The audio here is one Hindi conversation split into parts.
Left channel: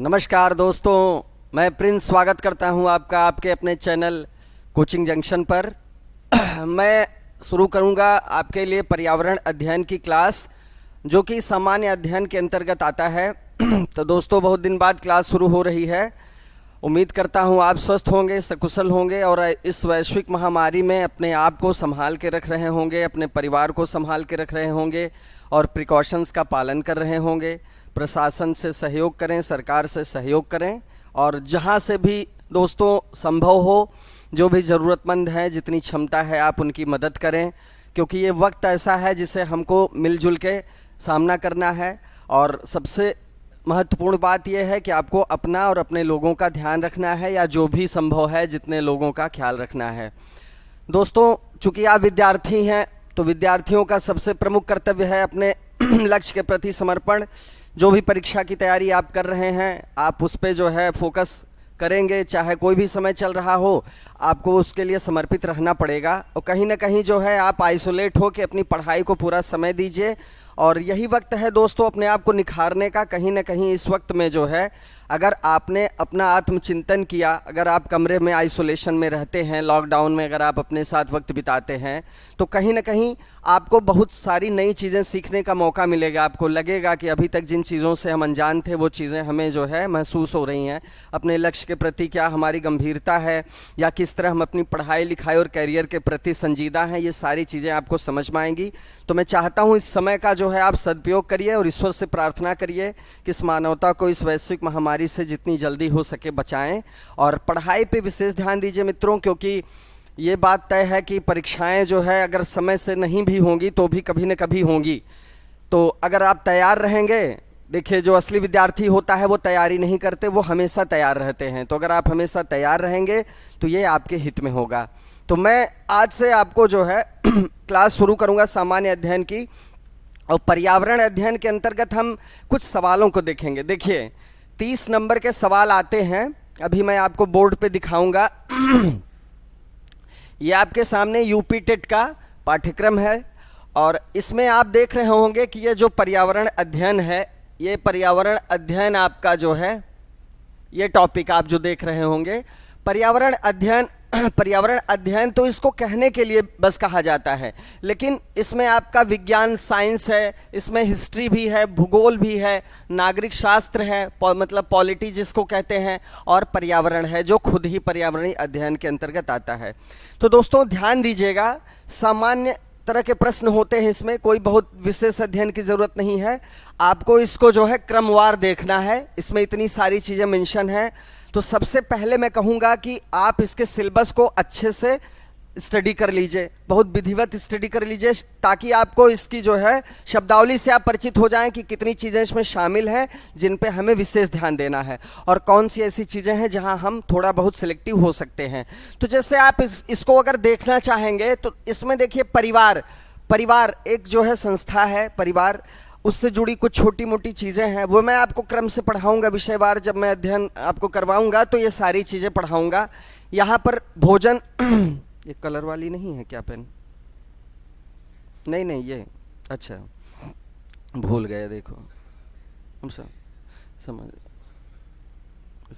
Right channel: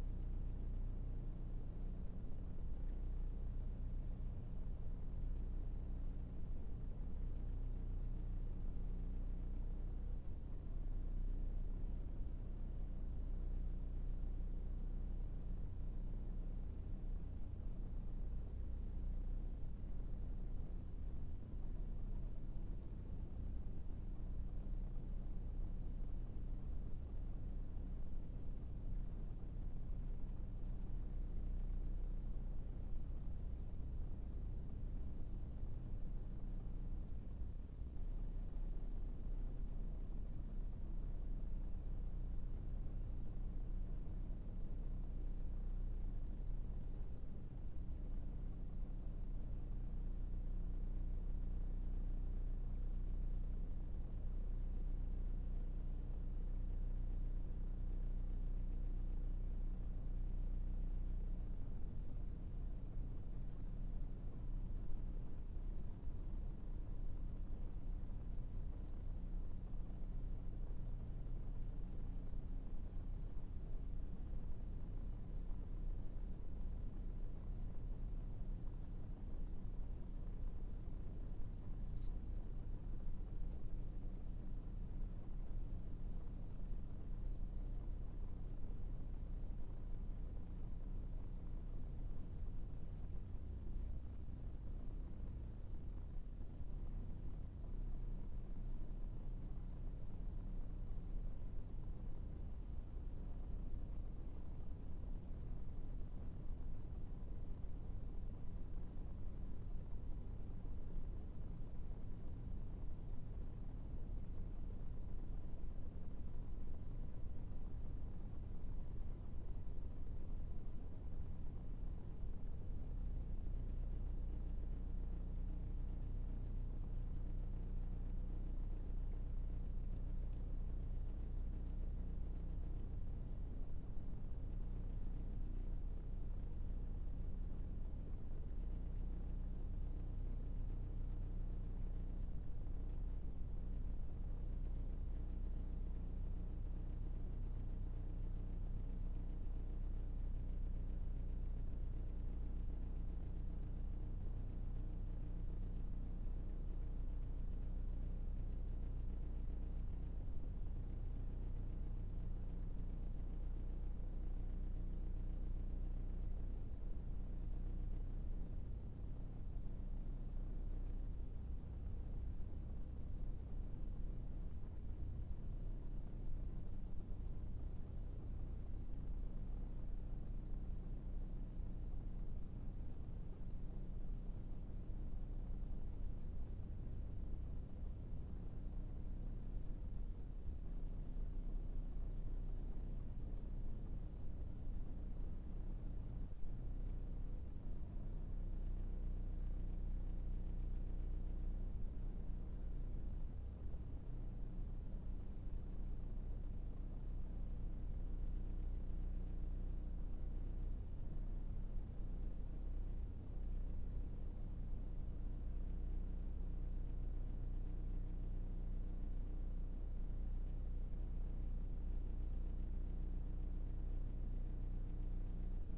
नमस्कार दोस्तों, मैं प्रिंस स्वागत करता हूं आपका आपके अपने चैनल कोचिंग जंक्शन पर। मैं शुरू करूंगा आपके लिए पर्यावरण अध्ययन की क्लास, जो कि सामान्य अध्ययन के अंतर्गत आता है। तो दोस्तों, बहुत दिन बाद क्लास शुरू हो रही है। उम्मीद करता हूं आप स्वस्थ होंगे, सकुशल होंगे और इस वैश्विक महामारी में अपने आप को संभाल के रख रहे होंगे, अपने परिवार को संभाल के रख रहे होंगे और प्रिकॉशंस का पालन कर रहे होंगे। प्रशासन से सहयोग करें, सरकार से सहयोग करें और जहां से भी दोस्तों संभव हो, जो भी ज़रूरतमंद हैं, जितनी क्षमता है आप उनकी मदद करें, क्योंकि ये वक्त ऐसा है जिसे हमको मिलजुल के सामना करना है। और सबसे महत्वपूर्ण बात यह है कि आपको अपना और अपने लोगों का ध्यान रखना है, या जो भी संभव है जितने लोगों का ख्याल रखना है। दोस्तों, चूंकि आप विद्यार्थी हैं तो विद्यार्थियों का सबसे प्रमुख कर्तव्य है अपने लक्ष्य के प्रति समर्पण। जो भी परीक्षा की तैयारी आप कर रहे हैं, आप उस पर जो है फोकस करेंगे, चाहे कोई भी समय चल रहा हो, आपको उसके लिए समर्पित रहना पड़ेगा। और कहीं ना कहीं जो है आप आइसोलेट हो के अपनी पढ़ाई को पूरा समय दीजिए। और यही वक्त है दोस्तों अपने आप को निखारने का। कहीं ना कहीं इस वक्त में जो है, अगर आपने अपना आत्मचिंतन किया, अगर आप कमरे में आइसोलेशन में रहते हैं, लॉकडाउन में अगर आप अपने साथ वक्त बिताते हैं, तो कहीं ना कहीं आपको बहुत सारी नई चीज़ें सीखने का मौका मिलेगा। आपको लगेगा कि अभी तक जिन चीज़ों से हम अनजान थे, वो चीज़ें हमें जो है महसूस हो रही हैं। अपने लक्ष्य के प्रति क्या हमारी गंभीरता है, या किस तरह हम अपनी पढ़ाई लिखाई और करियर के प्रति संजीदा हैं, ये सारी चीज़ें आपको समझ में आएंगी। तो मैं चाहता हूँ इस समय का जो है आप सदुपयोग करिए और ईश्वर से प्रार्थना करिए कि इस मानवता को इस वैश्विक महामारी से जितनी जल्दी हो सके बचाएं। और पढ़ाई पे विशेष ध्यान दीजिए मित्रों, क्योंकि ये बात तय है कि परीक्षाएं जो है अगर समय से नहीं भी होंगी तो भी कभी न कभी होंगी। तो अगर आप तैयार रहेंगे, देखिए जो असली विद्यार्थी होता है वो तैयारी नहीं करते, वो हमेशा तैयार रहते हैं। तो अगर आप हमेशा तैयार रहेंगे तो ये आपके हित में होगा। तो मैं आज से आपको जो है क्लास शुरू करूँगा सामान्य अध्ययन की, और पर्यावरण अध्ययन के अंतर्गत हम कुछ सवालों को देखेंगे। देखिए 30 नंबर के सवाल आते हैं, अभी मैं आपको बोर्ड पे दिखाऊंगा। ये आपके सामने यूपी टेट का पाठ्यक्रम है, और इसमें आप देख रहे होंगे कि ये जो पर्यावरण अध्ययन है, ये पर्यावरण अध्ययन आपका जो है, ये टॉपिक आप जो देख रहे होंगे पर्यावरण अध्ययन। पर्यावरण अध्ययन तो इसको कहने के लिए बस कहा जाता है, लेकिन इसमें आपका विज्ञान साइंस है, इसमें हिस्ट्री भी है, भूगोल भी है, नागरिक शास्त्र है, मतलब पॉलिटी जिसको कहते हैं, और पर्यावरण है जो खुद ही पर्यावरणीय अध्ययन के अंतर्गत आता है। तो दोस्तों ध्यान दीजिएगा, सामान्य तरह के प्रश्न होते हैं इसमें, कोई बहुत विशेष अध्ययन की जरूरत नहीं है। आपको इसको जो है क्रमवार देखना है, इसमें इतनी सारी चीजें मेंशन है। तो सबसे पहले मैं कहूंगा कि आप इसके सिलेबस को अच्छे से स्टडी कर लीजिए, बहुत विधिवत स्टडी कर लीजिए, ताकि आपको इसकी जो है शब्दावली से आप परिचित हो जाएं कि कितनी चीज़ें इसमें शामिल हैं जिन पे हमें विशेष ध्यान देना है, और कौन सी ऐसी चीज़ें हैं जहां हम थोड़ा बहुत सिलेक्टिव हो सकते हैं। तो जैसे आप इसको अगर देखना चाहेंगे तो इसमें देखिए परिवार एक जो है संस्था है, परिवार उससे जुड़ी कुछ छोटी मोटी चीज़ें हैं, वो मैं आपको क्रम से पढ़ाऊंगा विषयवार। जब मैं अध्ययन आपको करवाऊंगा तो ये सारी चीज़ें पढ़ाऊंगा। यहाँ पर भोजन ये कलर वाली नहीं है क्या पेन? नहीं ये अच्छा, भूल गए। देखो हम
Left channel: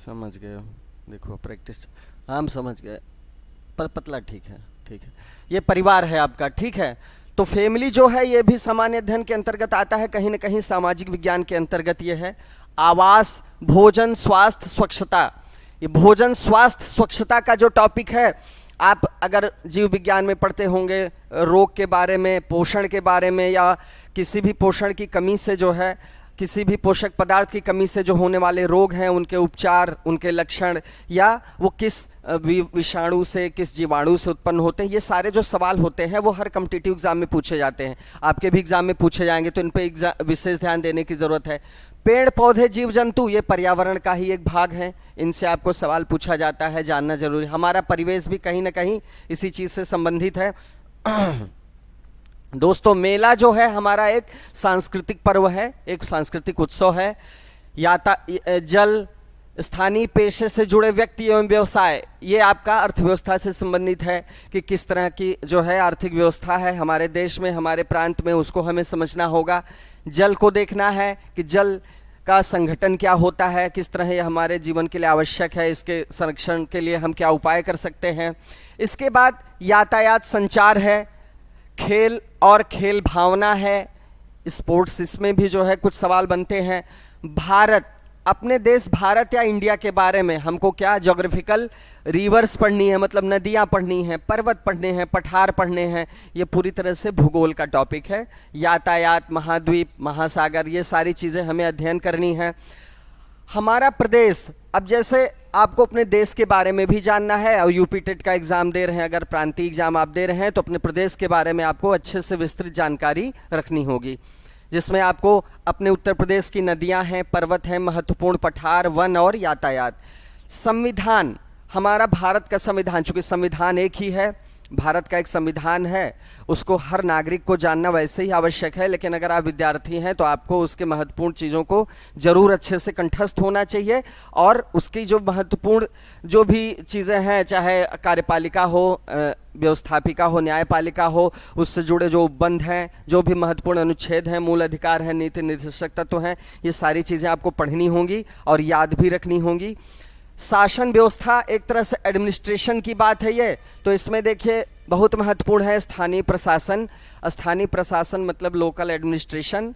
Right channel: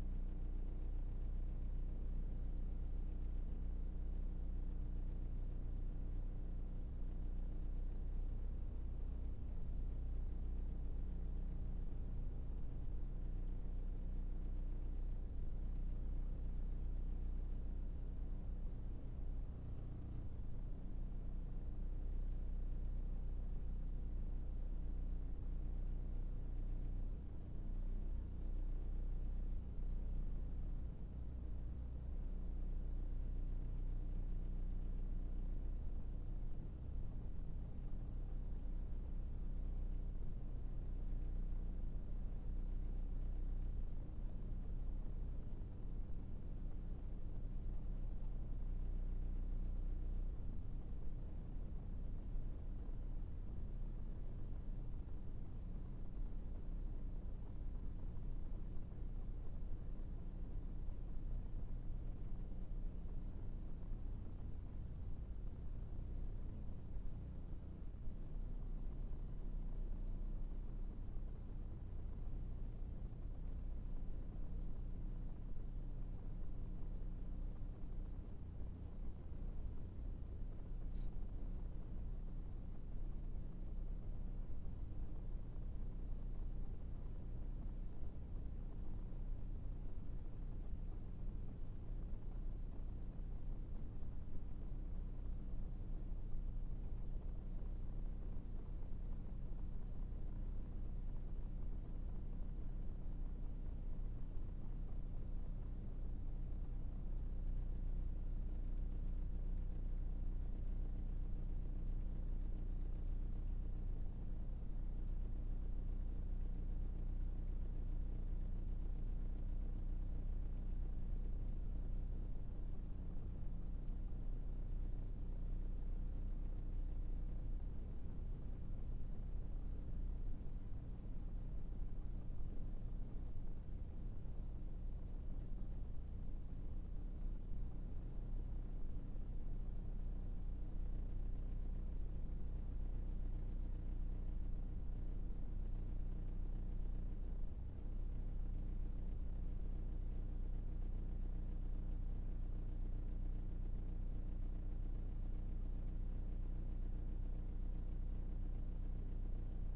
समझ गए, देखो प्रैक्टिस, हम समझ गए, पर पतला ठीक है। ये परिवार है आपका, ठीक है। तो फैमिली जो है ये भी सामान्य अध्ययन के अंतर्गत आता है, कहीं ना कहीं सामाजिक विज्ञान के अंतर्गत ये है। आवास, भोजन, स्वास्थ्य, स्वच्छता, ये भोजन, स्वास्थ्य, स्वच्छता का जो टॉपिक है, आप अगर जीव विज्ञान में पढ़ते होंगे, रोग के बारे में, पोषण के बारे में, या किसी भी पोषण की कमी से जो है, किसी भी पोषक पदार्थ की कमी से जो होने वाले रोग हैं, उनके उपचार, उनके लक्षण, या वो किस विषाणु से, किस जीवाणु से उत्पन्न होते हैं, ये सारे जो सवाल होते हैं वो हर कॉम्पिटिटिव एग्जाम में पूछे जाते हैं, आपके भी एग्जाम में पूछे जाएंगे, तो इन पे विशेष ध्यान देने की जरूरत है। पेड़ पौधे, जीव जंतु, ये पर्यावरण का ही एक भाग है, इनसे आपको सवाल पूछा जाता है, जानना जरूरी। हमारा परिवेश भी कहीं ना कहीं इसी चीज से संबंधित है। दोस्तों, मेला जो है हमारा एक सांस्कृतिक पर्व है, एक सांस्कृतिक उत्सव है। जल, स्थानीय पेशे से जुड़े व्यक्ति एवं व्यवसाय, ये आपका अर्थव्यवस्था से संबंधित है कि किस तरह की जो है आर्थिक व्यवस्था है हमारे देश में, हमारे प्रांत में, उसको हमें समझना होगा। जल को देखना है कि जल का संगठन क्या होता है, किस तरह यह हमारे जीवन के लिए आवश्यक है, इसके संरक्षण के लिए हम क्या उपाय कर सकते हैं। इसके बाद यातायात संचार है, खेल और खेल भावना है, स्पोर्ट्स, इसमें भी जो है कुछ सवाल बनते हैं। भारत, अपने देश भारत या इंडिया के बारे में हमको क्या ज्योग्राफिकल रिवर्स पढ़नी है, मतलब नदियां पढ़नी हैं, पर्वत पढ़ने हैं, पठार पढ़ने हैं। ये पूरी तरह से भूगोल का टॉपिक है। यातायात, महाद्वीप, महासागर, ये सारी चीज़ें हमें अध्ययन करनी है। हमारा प्रदेश, अब जैसे आपको अपने देश के बारे में भी जानना है और यूपी टेट का एग्जाम दे रहे हैं, अगर प्रांतीय एग्जाम आप दे रहे हैं तो अपने प्रदेश के बारे में आपको अच्छे से विस्तृत जानकारी रखनी होगी, जिसमें आपको अपने उत्तर प्रदेश की नदियां हैं, पर्वत हैं, महत्वपूर्ण पठार, वन और यातायात। संविधान, हमारा भारत का संविधान, चूंकि संविधान एक ही है, भारत का एक संविधान है, उसको हर नागरिक को जानना वैसे ही आवश्यक है, लेकिन अगर आप विद्यार्थी हैं तो आपको उसके महत्वपूर्ण चीज़ों को जरूर अच्छे से कंठस्थ होना चाहिए, और उसकी जो महत्वपूर्ण जो भी चीज़ें हैं, चाहे कार्यपालिका हो, व्यवस्थापिका हो, न्यायपालिका हो, उससे जुड़े जो उपबंध हैं, जो भी महत्वपूर्ण अनुच्छेद हैं, मूल अधिकार हैं, नीति निर्देशक तत्व हैं, ये सारी चीज़ें आपको पढ़नी होंगी और याद भी रखनी होंगी। शासन व्यवस्था, एक तरह से एडमिनिस्ट्रेशन की बात है ये, तो इसमें देखिए बहुत महत्वपूर्ण है स्थानीय प्रशासन। स्थानीय प्रशासन मतलब लोकल एडमिनिस्ट्रेशन।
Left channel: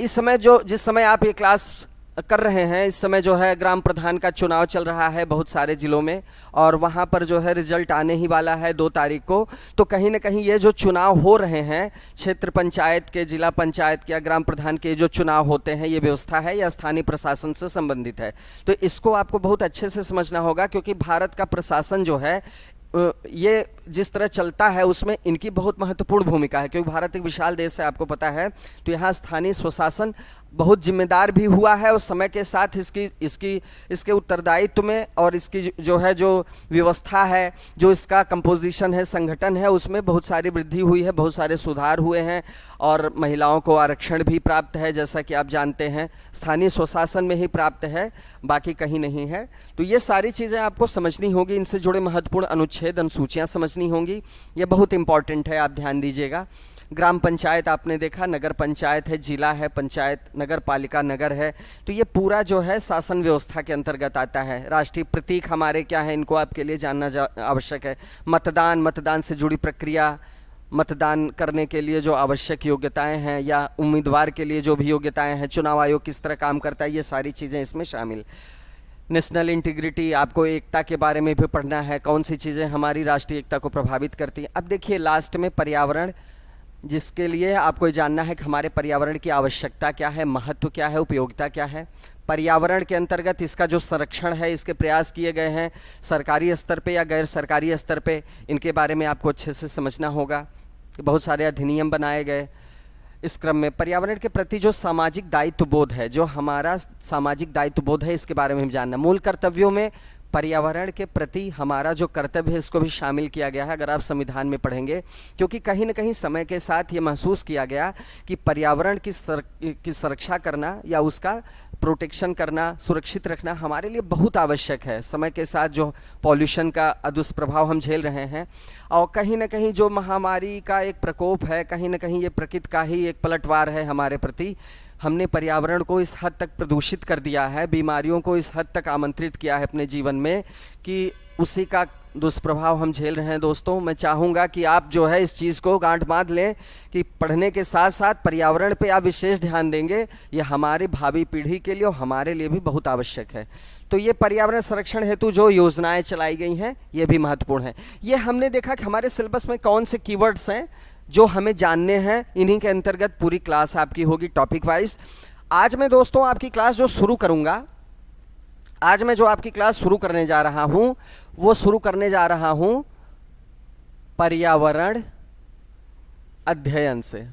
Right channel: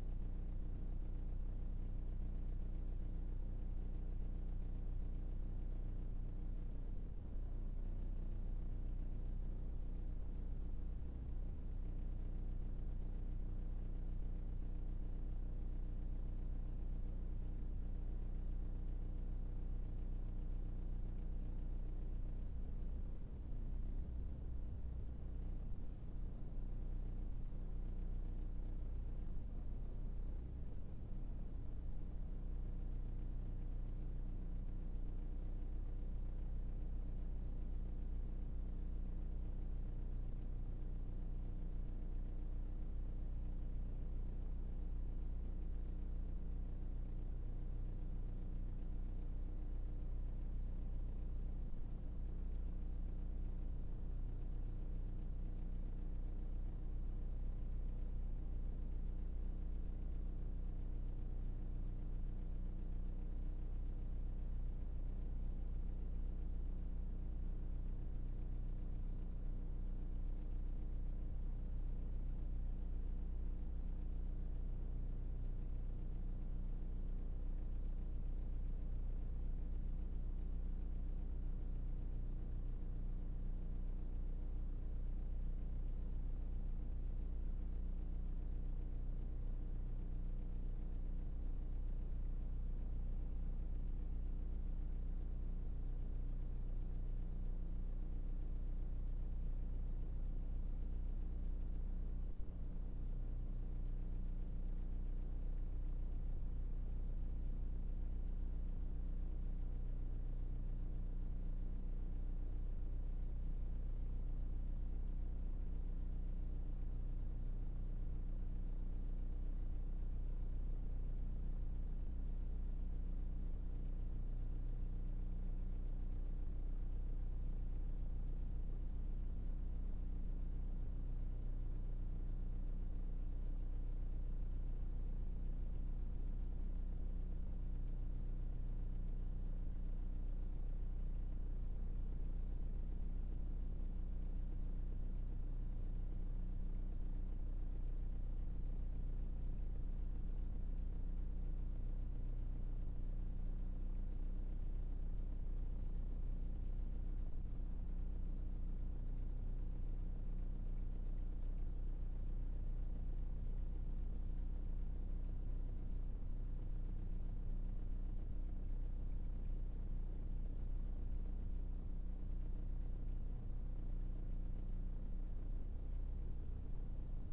इस समय जिस समय आप ये क्लास कर रहे हैं, इस समय जो है ग्राम प्रधान का चुनाव चल रहा है बहुत सारे जिलों में, और वहाँ पर जो है रिजल्ट आने ही वाला है 2 तारीख को। तो कहीं ना कहीं ये जो चुनाव हो रहे हैं, क्षेत्र पंचायत के, जिला पंचायत के या ग्राम प्रधान के जो चुनाव होते हैं, ये व्यवस्था है या स्थानीय प्रशासन से संबंधित है। तो इसको आपको बहुत अच्छे से समझना होगा, क्योंकि भारत का प्रशासन जो है ये जिस तरह चलता है उसमें इनकी बहुत महत्वपूर्ण भूमिका है, क्योंकि भारत एक विशाल देश है, आपको पता है। तो यहाँ स्थानीय स्वशासन बहुत जिम्मेदार भी हुआ है, और समय के साथ इसके उत्तरदायित्व में और इसकी जो व्यवस्था है, जो इसका कंपोजिशन है, संगठन है, उसमें बहुत सारी वृद्धि हुई है, बहुत सारे सुधार हुए हैं, और महिलाओं को आरक्षण भी प्राप्त है, जैसा कि आप जानते हैं। स्थानीय स्वशासन में ही प्राप्त है, बाकी कहीं नहीं है। तो ये सारी चीज़ें आपको समझनी होगी, इनसे जुड़े महत्वपूर्ण अनुच्छेद, अनुसूचियाँ समझनी होंगी, ये बहुत इंपॉर्टेंट है, आप ध्यान दीजिएगा। ग्राम पंचायत आपने देखा, नगर पंचायत है, जिला है, पंचायत, नगर पालिका, नगर है। तो ये पूरा जो है शासन व्यवस्था के अंतर्गत आता है। राष्ट्रीय प्रतीक हमारे क्या है, इनको आपके लिए जानना आवश्यक है। मतदान से जुड़ी प्रक्रिया, मतदान करने के लिए जो आवश्यक योग्यताएं हैं, या उम्मीदवार के लिए जो भी योग्यताएं हैं, चुनाव आयोग किस तरह काम करता है, ये सारी चीज़ें इसमें शामिल। नेशनल इंटीग्रिटी, आपको एकता के बारे में भी पढ़ना है, कौन सी चीज़ें हमारी राष्ट्रीय एकता को प्रभावित करती हैं। अब देखिए लास्ट में पर्यावरण, जिसके लिए आपको जानना है कि हमारे पर्यावरण की आवश्यकता क्या है, महत्व क्या है, उपयोगिता क्या है। पर्यावरण के अंतर्गत इसका जो संरक्षण है, इसके प्रयास किए गए हैं सरकारी स्तर पे या गैर सरकारी स्तर पे, इनके बारे में आपको अच्छे से समझना होगा। बहुत सारे अधिनियम बनाए गए। इस क्रम में पर्यावरण के प्रति जो सामाजिक दायित्व बोध है, जो हमारा सामाजिक दायित्व बोध है, इसके बारे में हम जानना। मूल कर्तव्यों में पर्यावरण के प्रति हमारा जो कर्तव्य है, इसको भी शामिल किया गया है, अगर आप संविधान में पढ़ेंगे, क्योंकि कहीं ना कहीं समय के साथ ये महसूस किया गया कि पर्यावरण की सुरक्षा करना या उसका प्रोटेक्शन करना, सुरक्षित रखना हमारे लिए बहुत आवश्यक है। समय के साथ जो पॉल्यूशन का दुष्प्रभाव हम झेल रहे हैं, और कहीं ना कहीं जो महामारी का एक प्रकोप है, कहीं ना कहीं ये प्रकृति का ही एक पलटवार है हमारे प्रति। हमने पर्यावरण को इस हद तक प्रदूषित कर दिया है, बीमारियों को इस हद तक आमंत्रित किया है अपने जीवन में, कि उसी का दुष्प्रभाव हम झेल रहे हैं। दोस्तों, मैं चाहूँगा कि आप जो है इस चीज़ को गांठ बांध लें कि पढ़ने के साथ साथ पर्यावरण पे आप विशेष ध्यान देंगे, ये हमारी भावी पीढ़ी के लिए और हमारे लिए भी बहुत आवश्यक है। तो ये पर्यावरण संरक्षण हेतु जो योजनाएं चलाई गई हैं, ये भी महत्वपूर्ण है। ये हमने देखा कि हमारे सिलेबस में कौन से कीवर्ड्स हैं जो हमें जानने हैं, इन्हीं के अंतर्गत पूरी क्लास आपकी होगी टॉपिक वाइज। आज मैं दोस्तों आपकी क्लास जो शुरू करूंगा, आज मैं जो आपकी क्लास शुरू करने जा रहा हूं, वो शुरू करने जा रहा हूं पर्यावरण अध्ययन से।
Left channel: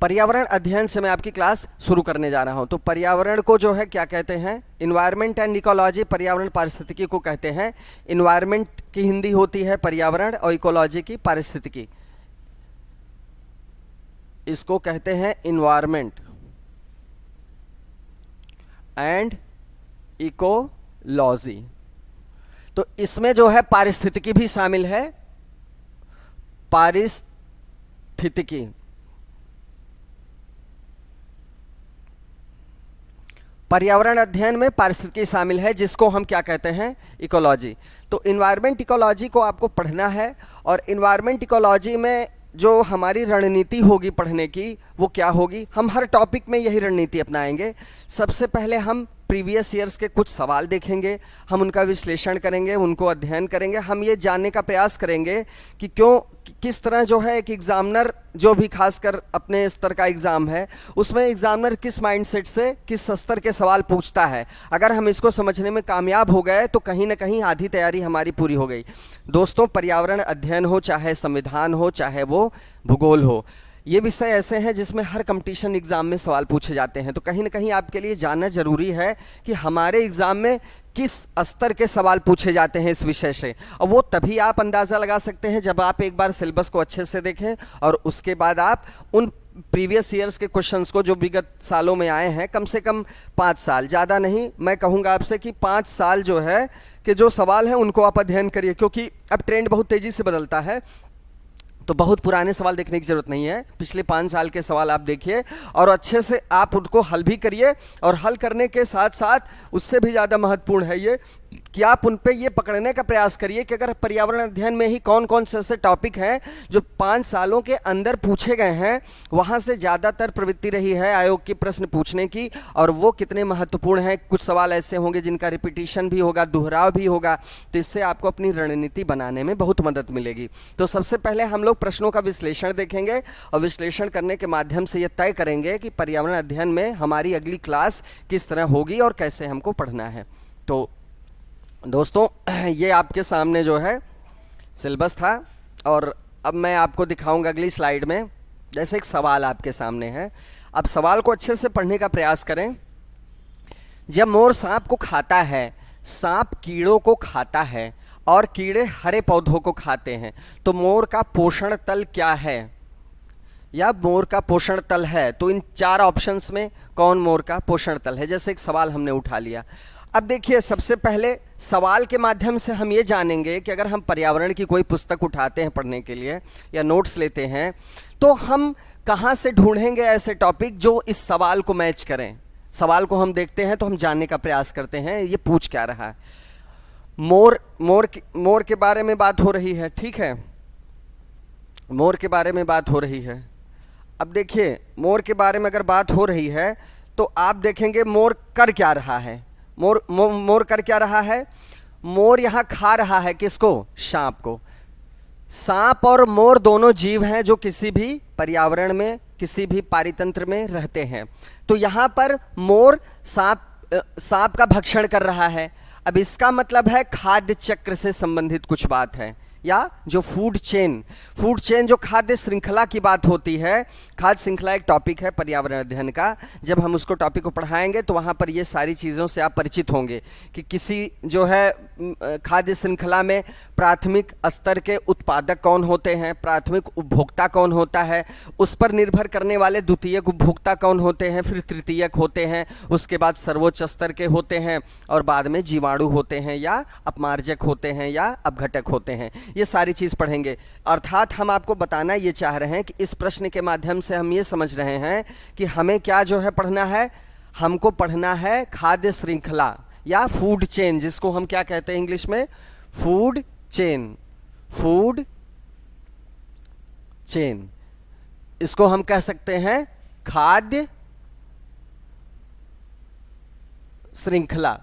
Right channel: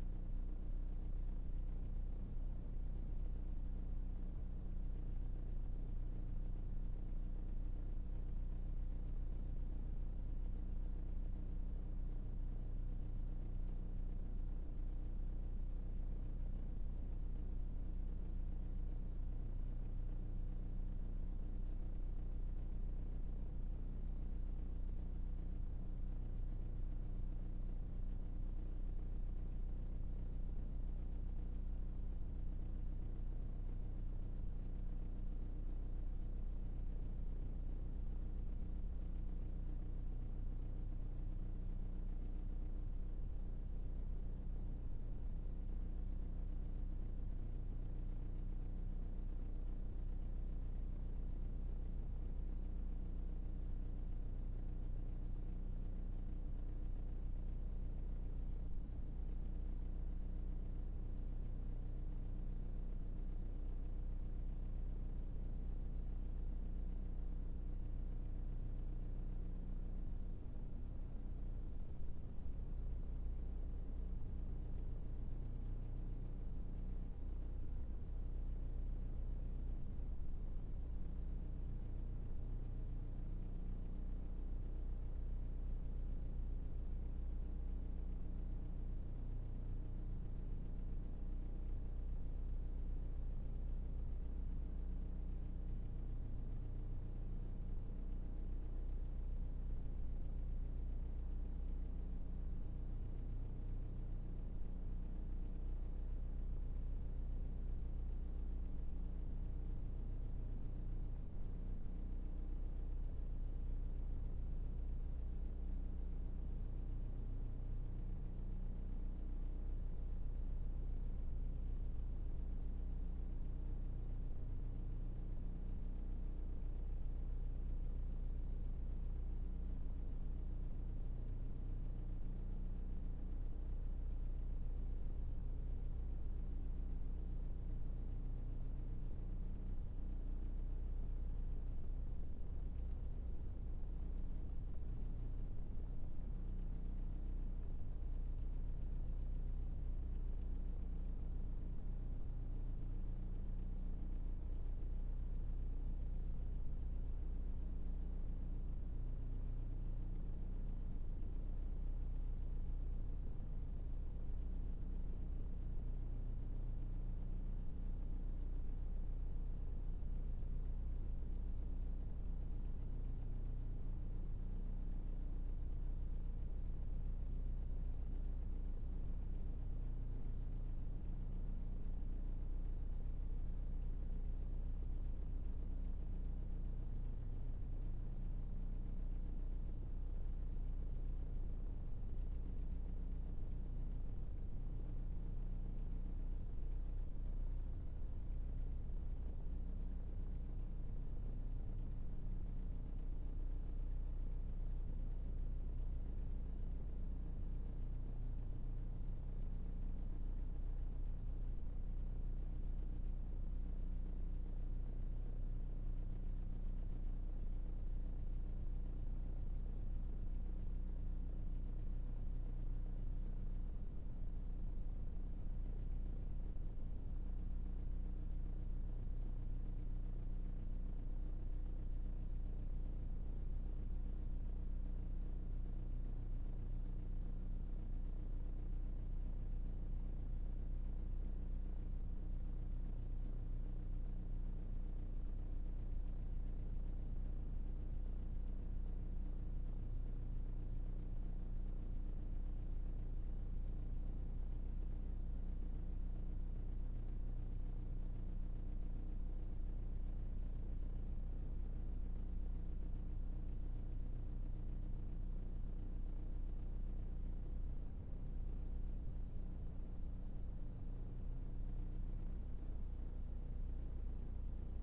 पर्यावरण अध्ययन से मैं आपकी क्लास शुरू करने जा रहा हूं। तो पर्यावरण को जो है क्या कहते हैं, इन्वायरमेंट एंड इकोलॉजी, पर्यावरण पारिस्थितिकी को कहते हैं। इन्वायरमेंट की हिंदी होती है पर्यावरण, और इकोलॉजी की पारिस्थितिकी, इसको कहते हैं इन्वायरमेंट एंड इकोलॉजी। तो इसमें जो है पारिस्थितिकी भी शामिल है, पारिस्थितिकी। पर्यावरण अध्ययन में पारिस्थितिकी शामिल है, जिसको हम क्या कहते हैं, इकोलॉजी। तो इन्वायरमेंट इकोलॉजी को आपको पढ़ना है, और इन्वायरमेंट इकोलॉजी में जो हमारी रणनीति होगी पढ़ने की वो क्या होगी, हम हर टॉपिक में यही रणनीति अपनाएंगे। सबसे पहले हम प्रीवियस ईयर्स के कुछ सवाल देखेंगे, हम उनका विश्लेषण करेंगे, उनको अध्ययन करेंगे। हम ये जानने का प्रयास करेंगे कि क्यों, किस तरह जो है एक एग्जामिनर, जो भी खासकर अपने स्तर का एग्जाम है, उसमें एग्जामिनर किस माइंडसेट से किस स्तर के सवाल पूछता है। अगर हम इसको समझने में कामयाब हो गए तो कहीं ना कहीं आधी तैयारी हमारी पूरी हो गई। दोस्तों, पर्यावरण अध्ययन हो, चाहे संविधान हो, चाहे वो भूगोल हो, ये विषय ऐसे हैं जिसमें हर कंपटीशन एग्जाम में सवाल पूछे जाते हैं। तो कहीं ना कहीं आपके लिए जानना जरूरी है कि हमारे एग्जाम में किस स्तर के सवाल पूछे जाते हैं इस विषय से। और वो तभी आप अंदाज़ा लगा सकते हैं जब आप एक बार सिलेबस को अच्छे से देखें, और उसके बाद आप उन प्रीवियस ईयर्स के क्वेश्चंस को जो विगत सालों में आए हैं, कम से कम 5 साल, ज़्यादा नहीं, मैं कहूँगा आपसे कि 5 साल जो है कि जो सवाल हैं उनको आप अध्ययन करिए, क्योंकि अब ट्रेंड बहुत तेज़ी से बदलता है। तो बहुत पुराने सवाल देखने की जरूरत नहीं है, पिछले 5 साल के सवाल आप देखिए और अच्छे से आप उनको हल भी करिए। और हल करने के साथ साथ उससे भी ज़्यादा महत्वपूर्ण है ये कि आप उन पे ये पकड़ने का प्रयास करिए कि अगर पर्यावरण अध्ययन में ही कौन कौन से ऐसे टॉपिक हैं जो 5 सालों के अंदर पूछे गए हैं, वहाँ से ज़्यादातर प्रवृत्ति रही है आयोग की प्रश्न पूछने की, और वो कितने महत्वपूर्ण हैं। कुछ सवाल ऐसे होंगे जिनका रिपीटिशन भी होगा, दोहराव भी होगा, तो इससे आपको अपनी रणनीति बनाने में बहुत मदद मिलेगी। तो सबसे पहले हम लोग प्रश्नों का विश्लेषण देखेंगे, और विश्लेषण करने के माध्यम से ये तय करेंगे कि पर्यावरण अध्ययन में हमारी अगली क्लास किस तरह होगी और कैसे हमको पढ़ना है। तो दोस्तों, ये आपके सामने जो है सिलेबस था, और अब मैं आपको दिखाऊंगा अगली स्लाइड में। जैसे एक सवाल आपके सामने है, अब सवाल को अच्छे से पढ़ने का प्रयास करें। जब मोर सांप को खाता है, सांप कीड़ों को खाता है और कीड़े हरे पौधों को खाते हैं, तो मोर का पोषण तल क्या है, या मोर का पोषण तल है। तो इन 4 ऑप्शंस में कौन मोर का पोषण तल है, जैसे एक सवाल हमने उठा लिया। अब देखिए, सबसे पहले सवाल के माध्यम से हम ये जानेंगे कि अगर हम पर्यावरण की कोई पुस्तक उठाते हैं पढ़ने के लिए या नोट्स लेते हैं, तो हम कहाँ से ढूंढेंगे ऐसे टॉपिक जो इस सवाल को मैच करें। सवाल को हम देखते हैं तो हम जानने का प्रयास करते हैं ये पूछ क्या रहा है। मोर के बारे में बात हो रही है, ठीक है, मोर के बारे में बात हो रही है। अब देखिए, मोर के बारे में अगर बात हो रही है तो आप देखेंगे मोर कर क्या रहा है। मोर कर क्या रहा है, मोर यहाँ खा रहा है किसको, सांप को। सांप और मोर दोनों जीव हैं जो किसी भी पर्यावरण में, किसी भी पारितंत्र में रहते हैं। तो यहाँ पर मोर सांप का भक्षण कर रहा है। अब इसका मतलब है खाद्य चक्र से संबंधित कुछ बात है, या जो फूड चेन जो खाद्य श्रृंखला की बात होती है। खाद्य श्रृंखला एक टॉपिक है पर्यावरण अध्ययन का। जब हम उसको टॉपिक को पढ़ाएंगे तो वहाँ पर ये सारी चीज़ों से आप परिचित होंगे कि किसी जो है खाद्य श्रृंखला में प्राथमिक स्तर के उत्पादक कौन होते हैं, प्राथमिक उपभोक्ता कौन होता है, उस पर निर्भर करने वाले द्वितीयक उपभोक्ता कौन होते हैं, फिर तृतीयक होते हैं, उसके बाद सर्वोच्च स्तर के होते हैं, और बाद में जीवाणु होते हैं या अपमार्जक होते हैं या अपघटक होते हैं। ये सारी चीज़ पढ़ेंगे। अर्थात हम आपको बताना ये चाह रहे हैं कि इस प्रश्न के माध्यम से हम ये समझ रहे हैं कि हमें क्या जो है पढ़ना है, हमको पढ़ना है खाद्य श्रृंखला या फूड चेन, जिसको हम क्या कहते हैं इंग्लिश में, फूड चेन। इसको हम कह सकते हैं खाद्य श्रृंखला,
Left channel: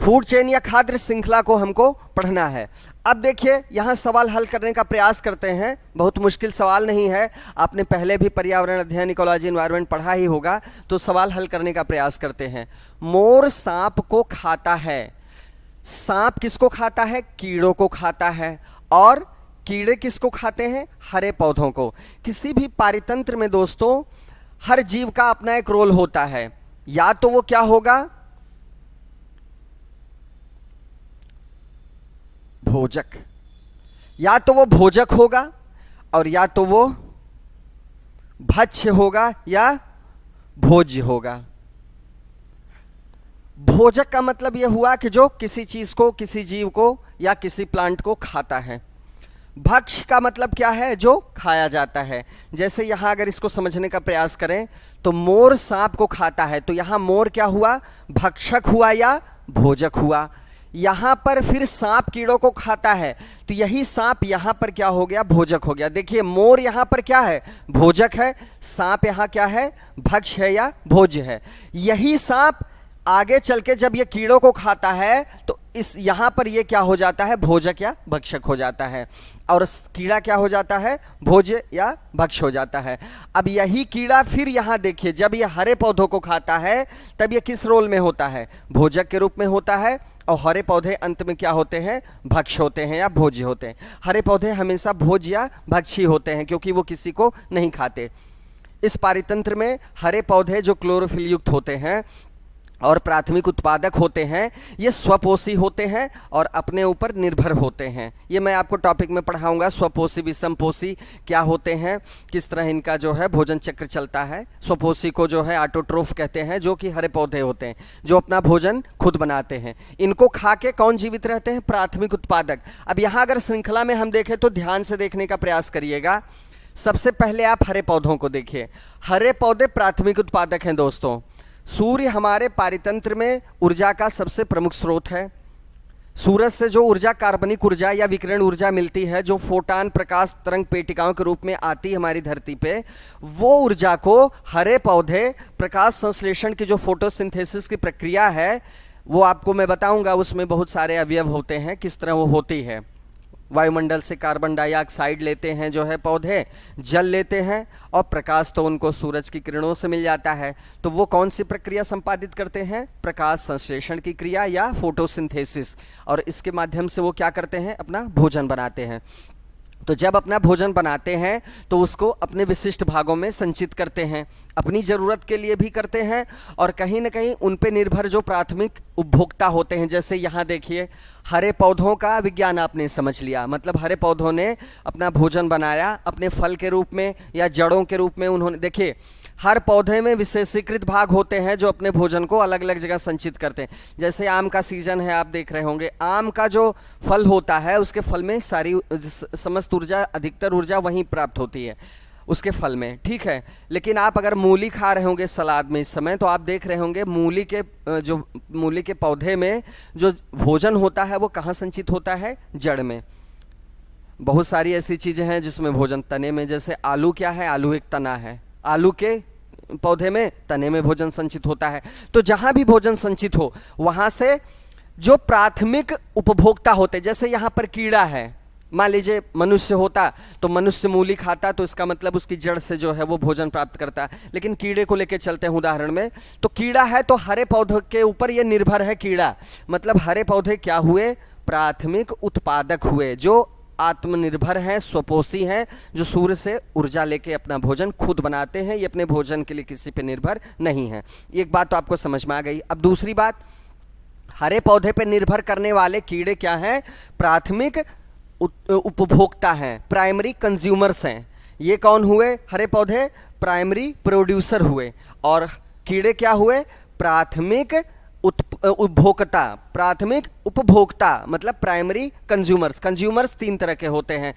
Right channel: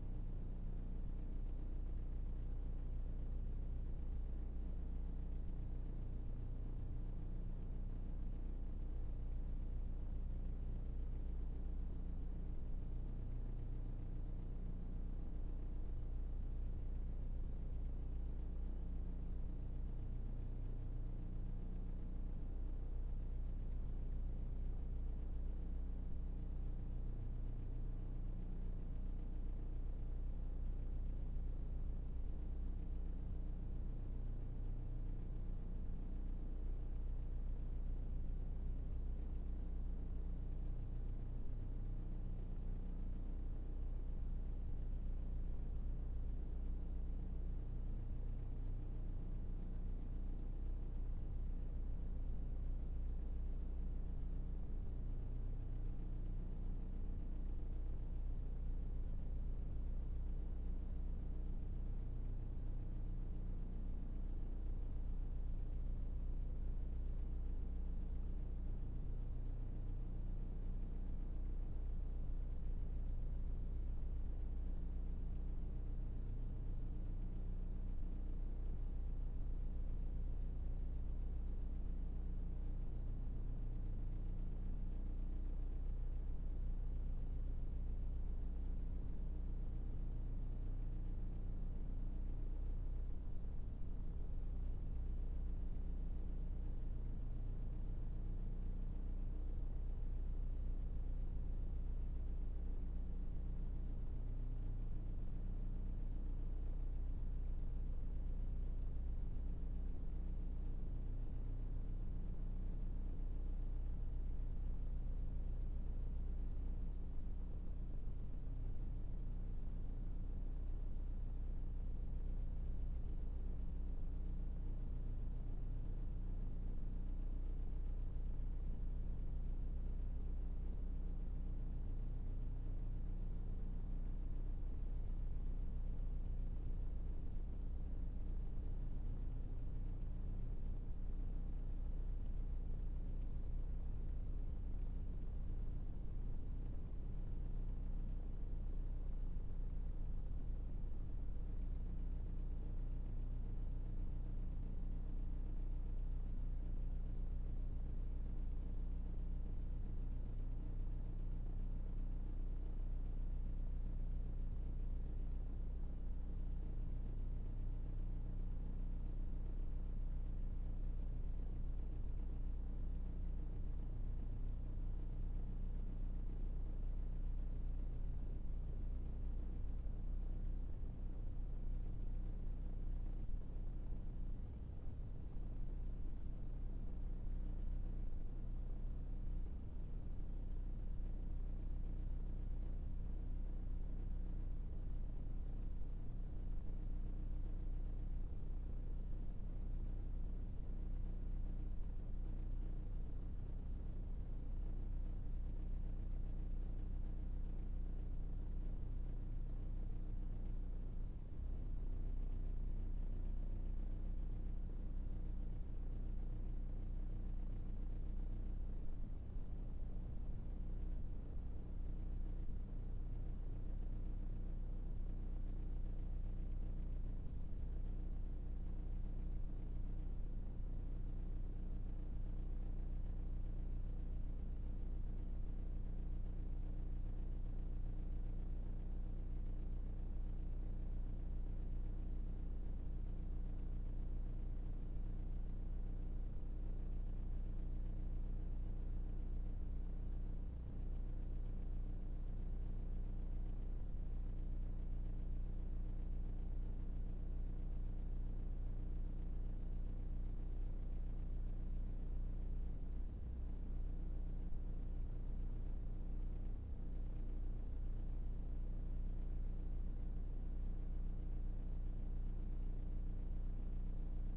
फूड चेन या खाद्य श्रृंखला को हमको पढ़ना है। अब देखिए, यहाँ सवाल हल करने का प्रयास करते हैं। बहुत मुश्किल सवाल नहीं है, आपने पहले भी पर्यावरण अध्ययन, इकोलॉजी, एनवायरनमेंट पढ़ा ही होगा। तो सवाल हल करने का प्रयास करते हैं। मोर सांप को खाता है, सांप किसको खाता है, कीड़ों को खाता है, और कीड़े किसको खाते हैं, हरे पौधों को। किसी भी पारितंत्र में दोस्तों हर जीव का अपना एक रोल होता है, या तो वो क्या होगा, भोजक, या तो वो भोजक होगा, और या तो वो भक्ष्य होगा या भोज्य होगा। भोजक का मतलब यह हुआ कि जो किसी चीज को, किसी जीव को या किसी प्लांट को खाता है। भक्ष का मतलब क्या है? जो खाया जाता है। जैसे यहां अगर इसको समझने का प्रयास करें तो मोर सांप को खाता है, तो यहां मोर क्या हुआ? भक्षक हुआ या भोजक हुआ। यहां पर फिर सांप कीड़ों को खाता है, तो यही सांप यहां पर क्या हो गया? भोजक हो गया। देखिए मोर यहां पर क्या है? भोजक है। सांप यहां क्या है? भक्ष है या भोज्य है। यही सांप आगे चल के जब ये कीड़ों को खाता है तो इस यहां पर ये क्या हो जाता है? भोजक या भक्षक हो जाता है, और कीड़ा क्या हो जाता है? भोज्य या भक्ष हो जाता है। अब यही कीड़ा फिर यहां देखिए, जब ये हरे पौधों को खाता है तब ये किस रोल में होता है? भोजक के रूप में होता है, और हरे पौधे अंत में क्या होते हैं? भक्ष होते हैं या भोज्य होते हैं। हरे पौधे हमेशा भोज्य या भक्षी होते हैं क्योंकि वो किसी को नहीं खाते। इस पारितंत्र में हरे पौधे जो क्लोरोफिल युक्त होते हैं और प्राथमिक उत्पादक होते हैं, ये स्वपोषी होते हैं और अपने ऊपर निर्भर होते हैं। ये मैं आपको टॉपिक में पढ़ाऊंगा, स्वपोषी विषमपोषी क्या होते हैं, किस तरह इनका जो है भोजन चक्र चलता है। स्वपोषी को जो है ऑटोट्रोफ कहते हैं, जो कि हरे पौधे होते हैं, जो अपना भोजन खुद बनाते हैं। इनको खा के कौन जीवित रहते हैं? प्राथमिक उत्पादक। अब यहाँ अगर श्रृंखला में हम देखें तो ध्यान से देखने का प्रयास करिएगा। सबसे पहले आप हरे पौधों को देखिए। हरे पौधे प्राथमिक उत्पादक हैं दोस्तों। सूर्य हमारे पारितंत्र में ऊर्जा का सबसे प्रमुख स्रोत है। सूरज से जो ऊर्जा, कार्बनिक ऊर्जा या विकिरण ऊर्जा मिलती है, जो फोटान प्रकाश तरंग पेटिकाओं के रूप में आती है हमारी धरती पे, वो ऊर्जा को हरे पौधे प्रकाश संश्लेषण की जो फोटोसिंथेसिस की प्रक्रिया है, वो आपको मैं बताऊंगा। उसमें बहुत सारे अवयव होते हैं, किस तरह वो होती है। वायुमंडल से कार्बन डाइऑक्साइड लेते हैं जो है पौधे, जल लेते हैं, और प्रकाश तो उनको सूरज की किरणों से मिल जाता है। तो वो कौन सी प्रक्रिया संपादित करते हैं? प्रकाश संश्लेषण की क्रिया या फोटोसिंथेसिस, और इसके माध्यम से वो क्या करते हैं? अपना भोजन बनाते हैं। तो जब अपना भोजन बनाते हैं तो उसको अपने विशिष्ट भागों में संचित करते हैं, अपनी ज़रूरत के लिए भी करते हैं, और कहीं ना कहीं उन पे निर्भर जो प्राथमिक उपभोक्ता होते हैं, जैसे यहाँ देखिए हरे पौधों का विज्ञान आपने समझ लिया। मतलब हरे पौधों ने अपना भोजन बनाया अपने फल के रूप में या जड़ों के रूप में। उन्होंने देखिए हर पौधे में विशेषीकृत भाग होते हैं जो अपने भोजन को अलग अलग जगह संचित करते हैं। जैसे आम का सीजन है, आप देख रहे होंगे, आम का जो फल होता है उसके फल में सारी समस्त ऊर्जा, अधिकतर ऊर्जा वहीं प्राप्त होती है उसके फल में, ठीक है। लेकिन आप अगर मूली खा रहे होंगे सलाद में इस समय, तो आप देख रहे होंगे मूली के पौधे में जो भोजन होता है वो कहाँ संचित होता है? जड़ में। बहुत सारी ऐसी चीजें हैं जिसमें भोजन तने में, जैसे आलू क्या है? आलू एक तना है, आलू के पौधे में तने में भोजन संचित होता है। तो जहां भी भोजन संचित हो वहां से जो प्राथमिक उपभोक्ता होते, जैसे यहां पर कीड़ा है, मान लीजिए मनुष्य होता तो मनुष्य मूली खाता, तो इसका मतलब उसकी जड़ से जो है वो भोजन प्राप्त करता है। लेकिन कीड़े को लेकर चलते हैं उदाहरण में, तो कीड़ा है तो हरे पौधों के ऊपर ये निर्भर है कीड़ा। मतलब हरे पौधे क्या हुए? प्राथमिक उत्पादक हुए, जो आत्मनिर्भर हैं, स्वपोषी हैं, जो सूर्य से ऊर्जा लेके अपना भोजन खुद बनाते हैं। ये अपने भोजन के लिए किसी पे निर्भर नहीं है। एक बात तो आपको समझ में आ गई। अब दूसरी बात, हरे पौधे पे निर्भर करने वाले कीड़े क्या हैं? प्राथमिक उपभोक्ता हैं, प्राइमरी कंज्यूमर्स हैं। ये कौन हुए? हरे पौधे प्राइमरी प्रोड्यूसर हुए, और कीड़े क्या हुए? प्राथमिक उपभोक्ता, प्राथमिक उपभोक्ता, मतलब प्राइमरी कंज्यूमर्स। कंज्यूमर्स तीन तरह के होते हैं,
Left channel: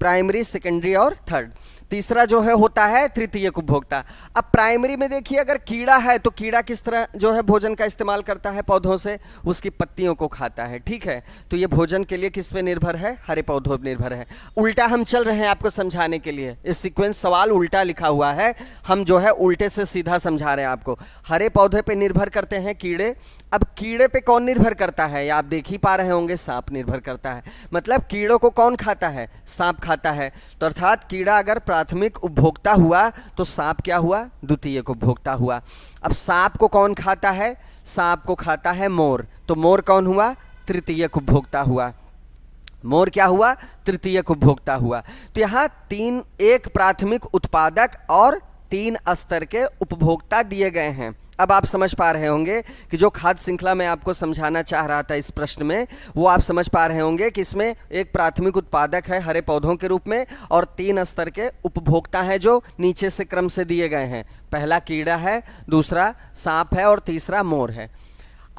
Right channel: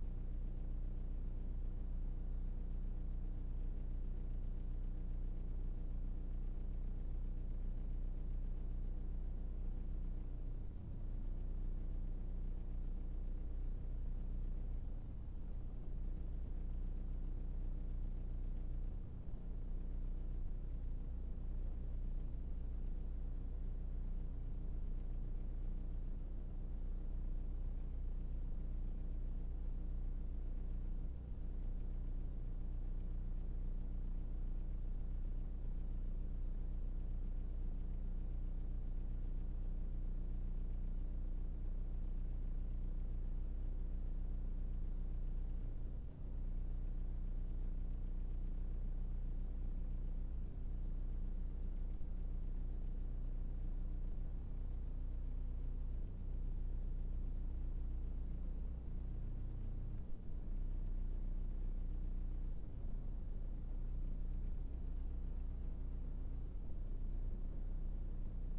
प्राइमरी, सेकेंडरी और थर्ड। तीसरा जो है होता है तृतीयक उपभोक्ता। अब प्राइमरी में देखिए अगर कीड़ा है तो कीड़ा किस तरह जो है भोजन का इस्तेमाल करता है? पौधों से उसकी पत्तियों को खाता है, ठीक है। तो ये भोजन के लिए किस पे निर्भर है? हरे पौधों पर निर्भर है। उल्टा हम चल रहे हैं आपको समझाने के लिए, इस सीक्वेंस सवाल उल्टा लिखा हुआ है, हम जो है उल्टे से सीधा समझा रहे हैं आपको। हरे पौधे पे निर्भर करते हैं कीड़े। अब कीड़े पे कौन निर्भर करता है? आप देख ही पा रहे होंगे, सांप निर्भर करता है। मतलब कीड़ों को कौन खाता है? सांप खाता है। तो अर्थात कीड़ा अगर प्राथमिक उपभोक्ता हुआ तो सांप क्या हुआ? द्वितीयक उपभोक्ता हुआ। अब सांप को कौन खाता है? सांप को खाता है मोर। तो मोर कौन हुआ? तृतीयक उपभोक्ता हुआ। मोर क्या हुआ? तृतीयक उपभोक्ता हुआ। तो यहां तीन, एक प्राथमिक उत्पादक और तीन स्तर के उपभोक्ता दिए गए हैं। अब आप समझ पा रहे होंगे कि जो खाद्य श्रृंखला मैं आपको समझाना चाह रहा था इस प्रश्न में, वो आप समझ पा रहे होंगे कि इसमें एक प्राथमिक उत्पादक है हरे पौधों के रूप में, और तीन स्तर के उपभोक्ता हैं जो नीचे से क्रम से दिए गए हैं। पहला कीड़ा है, दूसरा सांप है और तीसरा मोर है।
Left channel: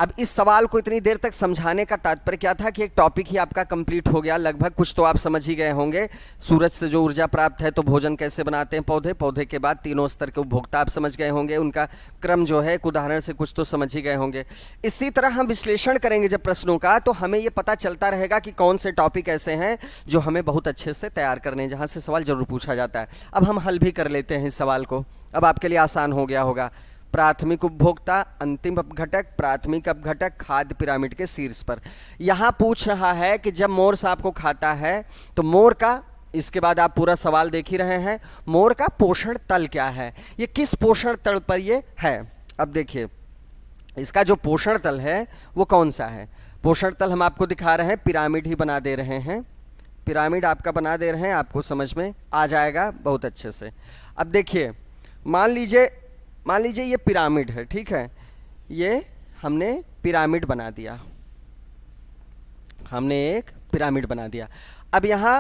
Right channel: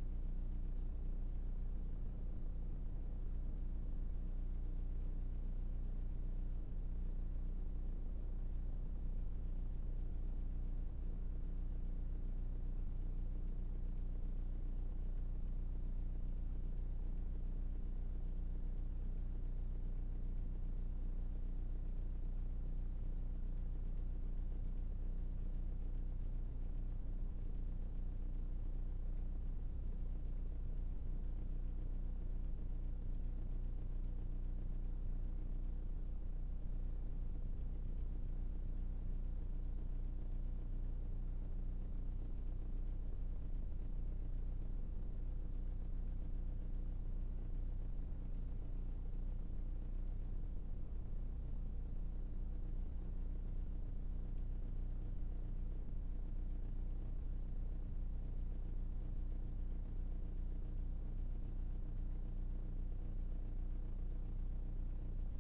अब इस सवाल को इतनी देर तक समझाने का तात्पर्य क्या था कि एक टॉपिक ही आपका कंप्लीट हो गया लगभग, कुछ तो आप समझ ही गए होंगे। सूरज से जो ऊर्जा प्राप्त है, तो भोजन कैसे बनाते हैं पौधे, पौधे के बाद तीनों स्तर के उपभोक्ता आप समझ गए होंगे, उनका क्रम जो है एक उदाहरण से कुछ तो समझ ही गए होंगे। इसी तरह हम विश्लेषण करेंगे जब प्रश्नों का, तो हमें ये पता चलता रहेगा कि कौन से टॉपिक ऐसे हैं जो हमें बहुत अच्छे से तैयार करने हैं, जहाँ से सवाल जरूर पूछा जाता है। अब हम हल भी कर लेते हैं इस सवाल को, अब आपके लिए आसान हो गया होगा। प्राथमिक उपभोक्ता, अंतिम अपघटक, प्राथमिक अपघटक खाद्य पिरामिड के शीर्ष पर। यहां पूछ रहा है कि जब मोर सांप को खाता है तो मोर का, इसके बाद आप पूरा सवाल देख ही रहे हैं, मोर का पोषण तल क्या है, ये किस पोषण तल पर ये है। अब देखिए इसका जो पोषण तल है वो कौन सा है। पोषण तल हम आपको दिखा रहे हैं, पिरामिड ही बना दे रहे हैं, पिरामिड आपका बना दे रहे हैं, आपको समझ में आ जाएगा बहुत अच्छे से। अब देखिए मान लीजिए ये पिरामिड है, ठीक है, ये हमने पिरामिड बना दिया, हमने एक पिरामिड बना दिया। अब यहां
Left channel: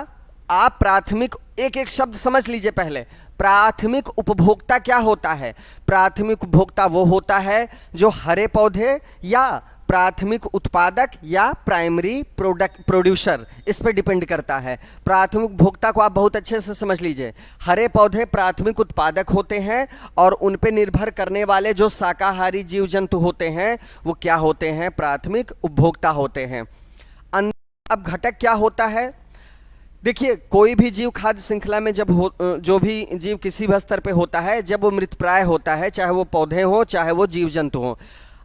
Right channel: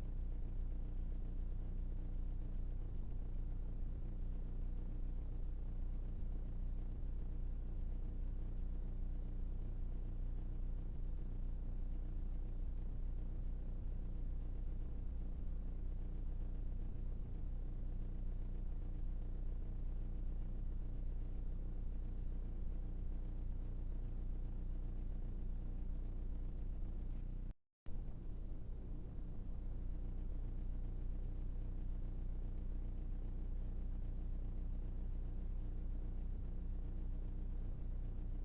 आप प्राथमिक, एक एक शब्द समझ लीजिए पहले। प्राथमिक उपभोक्ता क्या होता है? प्राथमिक उपभोक्ता वो होता है जो हरे पौधे या प्राथमिक उत्पादक या प्राइमरी प्रोड्यूसर, इस पर डिपेंड करता है। प्राथमिक उपभोक्ता को आप बहुत अच्छे से समझ लीजिए। हरे पौधे प्राथमिक उत्पादक होते हैं और उन पे निर्भर करने वाले जो शाकाहारी जीव जंतु होते हैं वो क्या होते हैं? प्राथमिक उपभोक्ता होते हैं। अब घटक क्या होता है? देखिए कोई भी जीव खाद्य श्रृंखला में जो भी जीव किसी भी स्तर पे होता है, जब वो मृतप्राय होता है, चाहे वो पौधे हो चाहे वो जीव जंतु हो,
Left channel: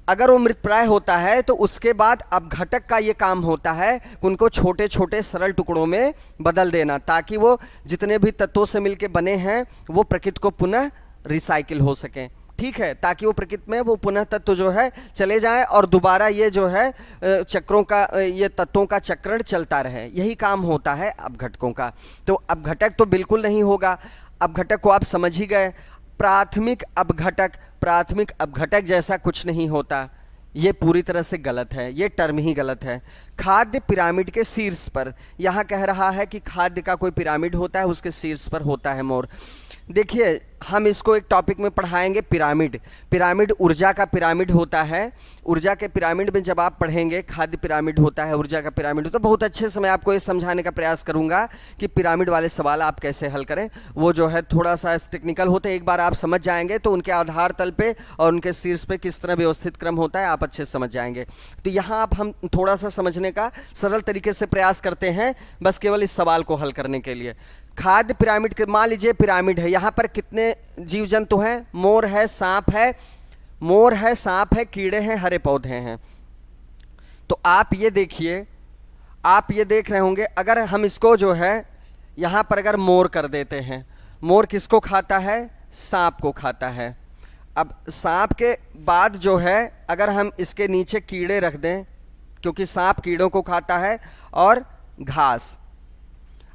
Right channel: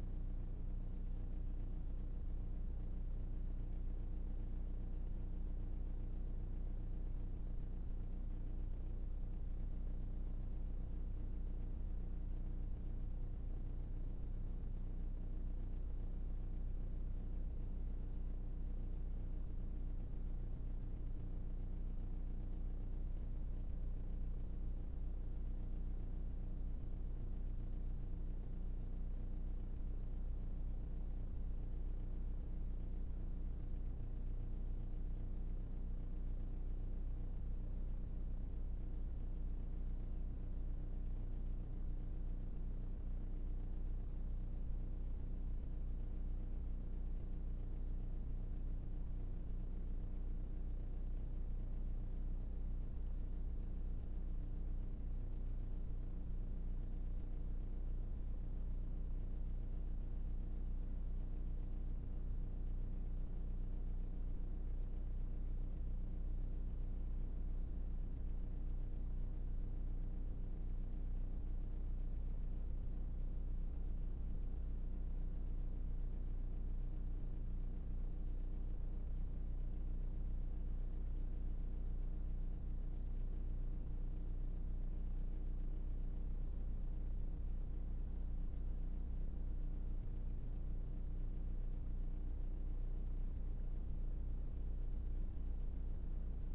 अगर वो मृतप्राय होता है तो उसके बाद अपघटक का ये काम होता है कि उनको छोटे छोटे सरल टुकड़ों में बदल देना, ताकि वो जितने भी तत्वों से मिलके बने हैं वो प्रकृति को पुनः रिसाइकिल हो सकें, ठीक है, ताकि वो प्रकृति में वो पुनः तत्व जो है चले जाएं और दोबारा ये जो है चक्रों का, ये तत्वों का चक्रण चलता रहे। यही काम होता है अपघटकों का। तो अपघटक तो बिल्कुल नहीं होगा, अपघटक को आप समझ ही गए। प्राथमिक अपघटक जैसा कुछ नहीं होता, ये पूरी तरह से गलत है, ये टर्म ही गलत है। खाद्य पिरामिड के शीर्ष पर, यहां कह रहा है कि खाद्य का कोई पिरामिड होता है, उसके शीर्ष पर होता है मोर। देखिए हम इसको एक टॉपिक में पढ़ाएंगे, पिरामिड ऊर्जा का पिरामिड होता है। ऊर्जा के पिरामिड में जब आप पढ़ेंगे खाद्य पिरामिड होता है, ऊर्जा का पिरामिड होता है, तो बहुत अच्छे से मैं आपको ये समझाने का प्रयास करूंगा कि पिरामिड वाले सवाल आप कैसे हल करें। वो जो है थोड़ा सा टेक्निकल होते हैं, एक बार आप समझ जाएंगे तो उनके आधार तल पे और उनके शीर्ष पे किस तरह व्यवस्थित क्रम होता है आप अच्छे से समझ जाएंगे। तो यहाँ आप हम थोड़ा सा समझने का सरल तरीके से प्रयास करते हैं, बस केवल इस सवाल को हल करने के लिए। खाद्य पिरामिड के, मान लीजिए पिरामिड है, यहाँ पर कितने जीव जंतु हैं? मोर है, सांप है, मोर है, सांप है, कीड़े हैं, हरे पौधे हैं। तो आप ये देखिए, आप ये देख रहे होंगे, अगर हम इसको जो है यहाँ पर अगर मोर कर देते हैं, मोर किसको खाता है? सांप को खाता है। अब सांप के बाद जो है अगर हम इसके नीचे कीड़े रख दें, क्योंकि सांप कीड़ों को खाता है, और घास।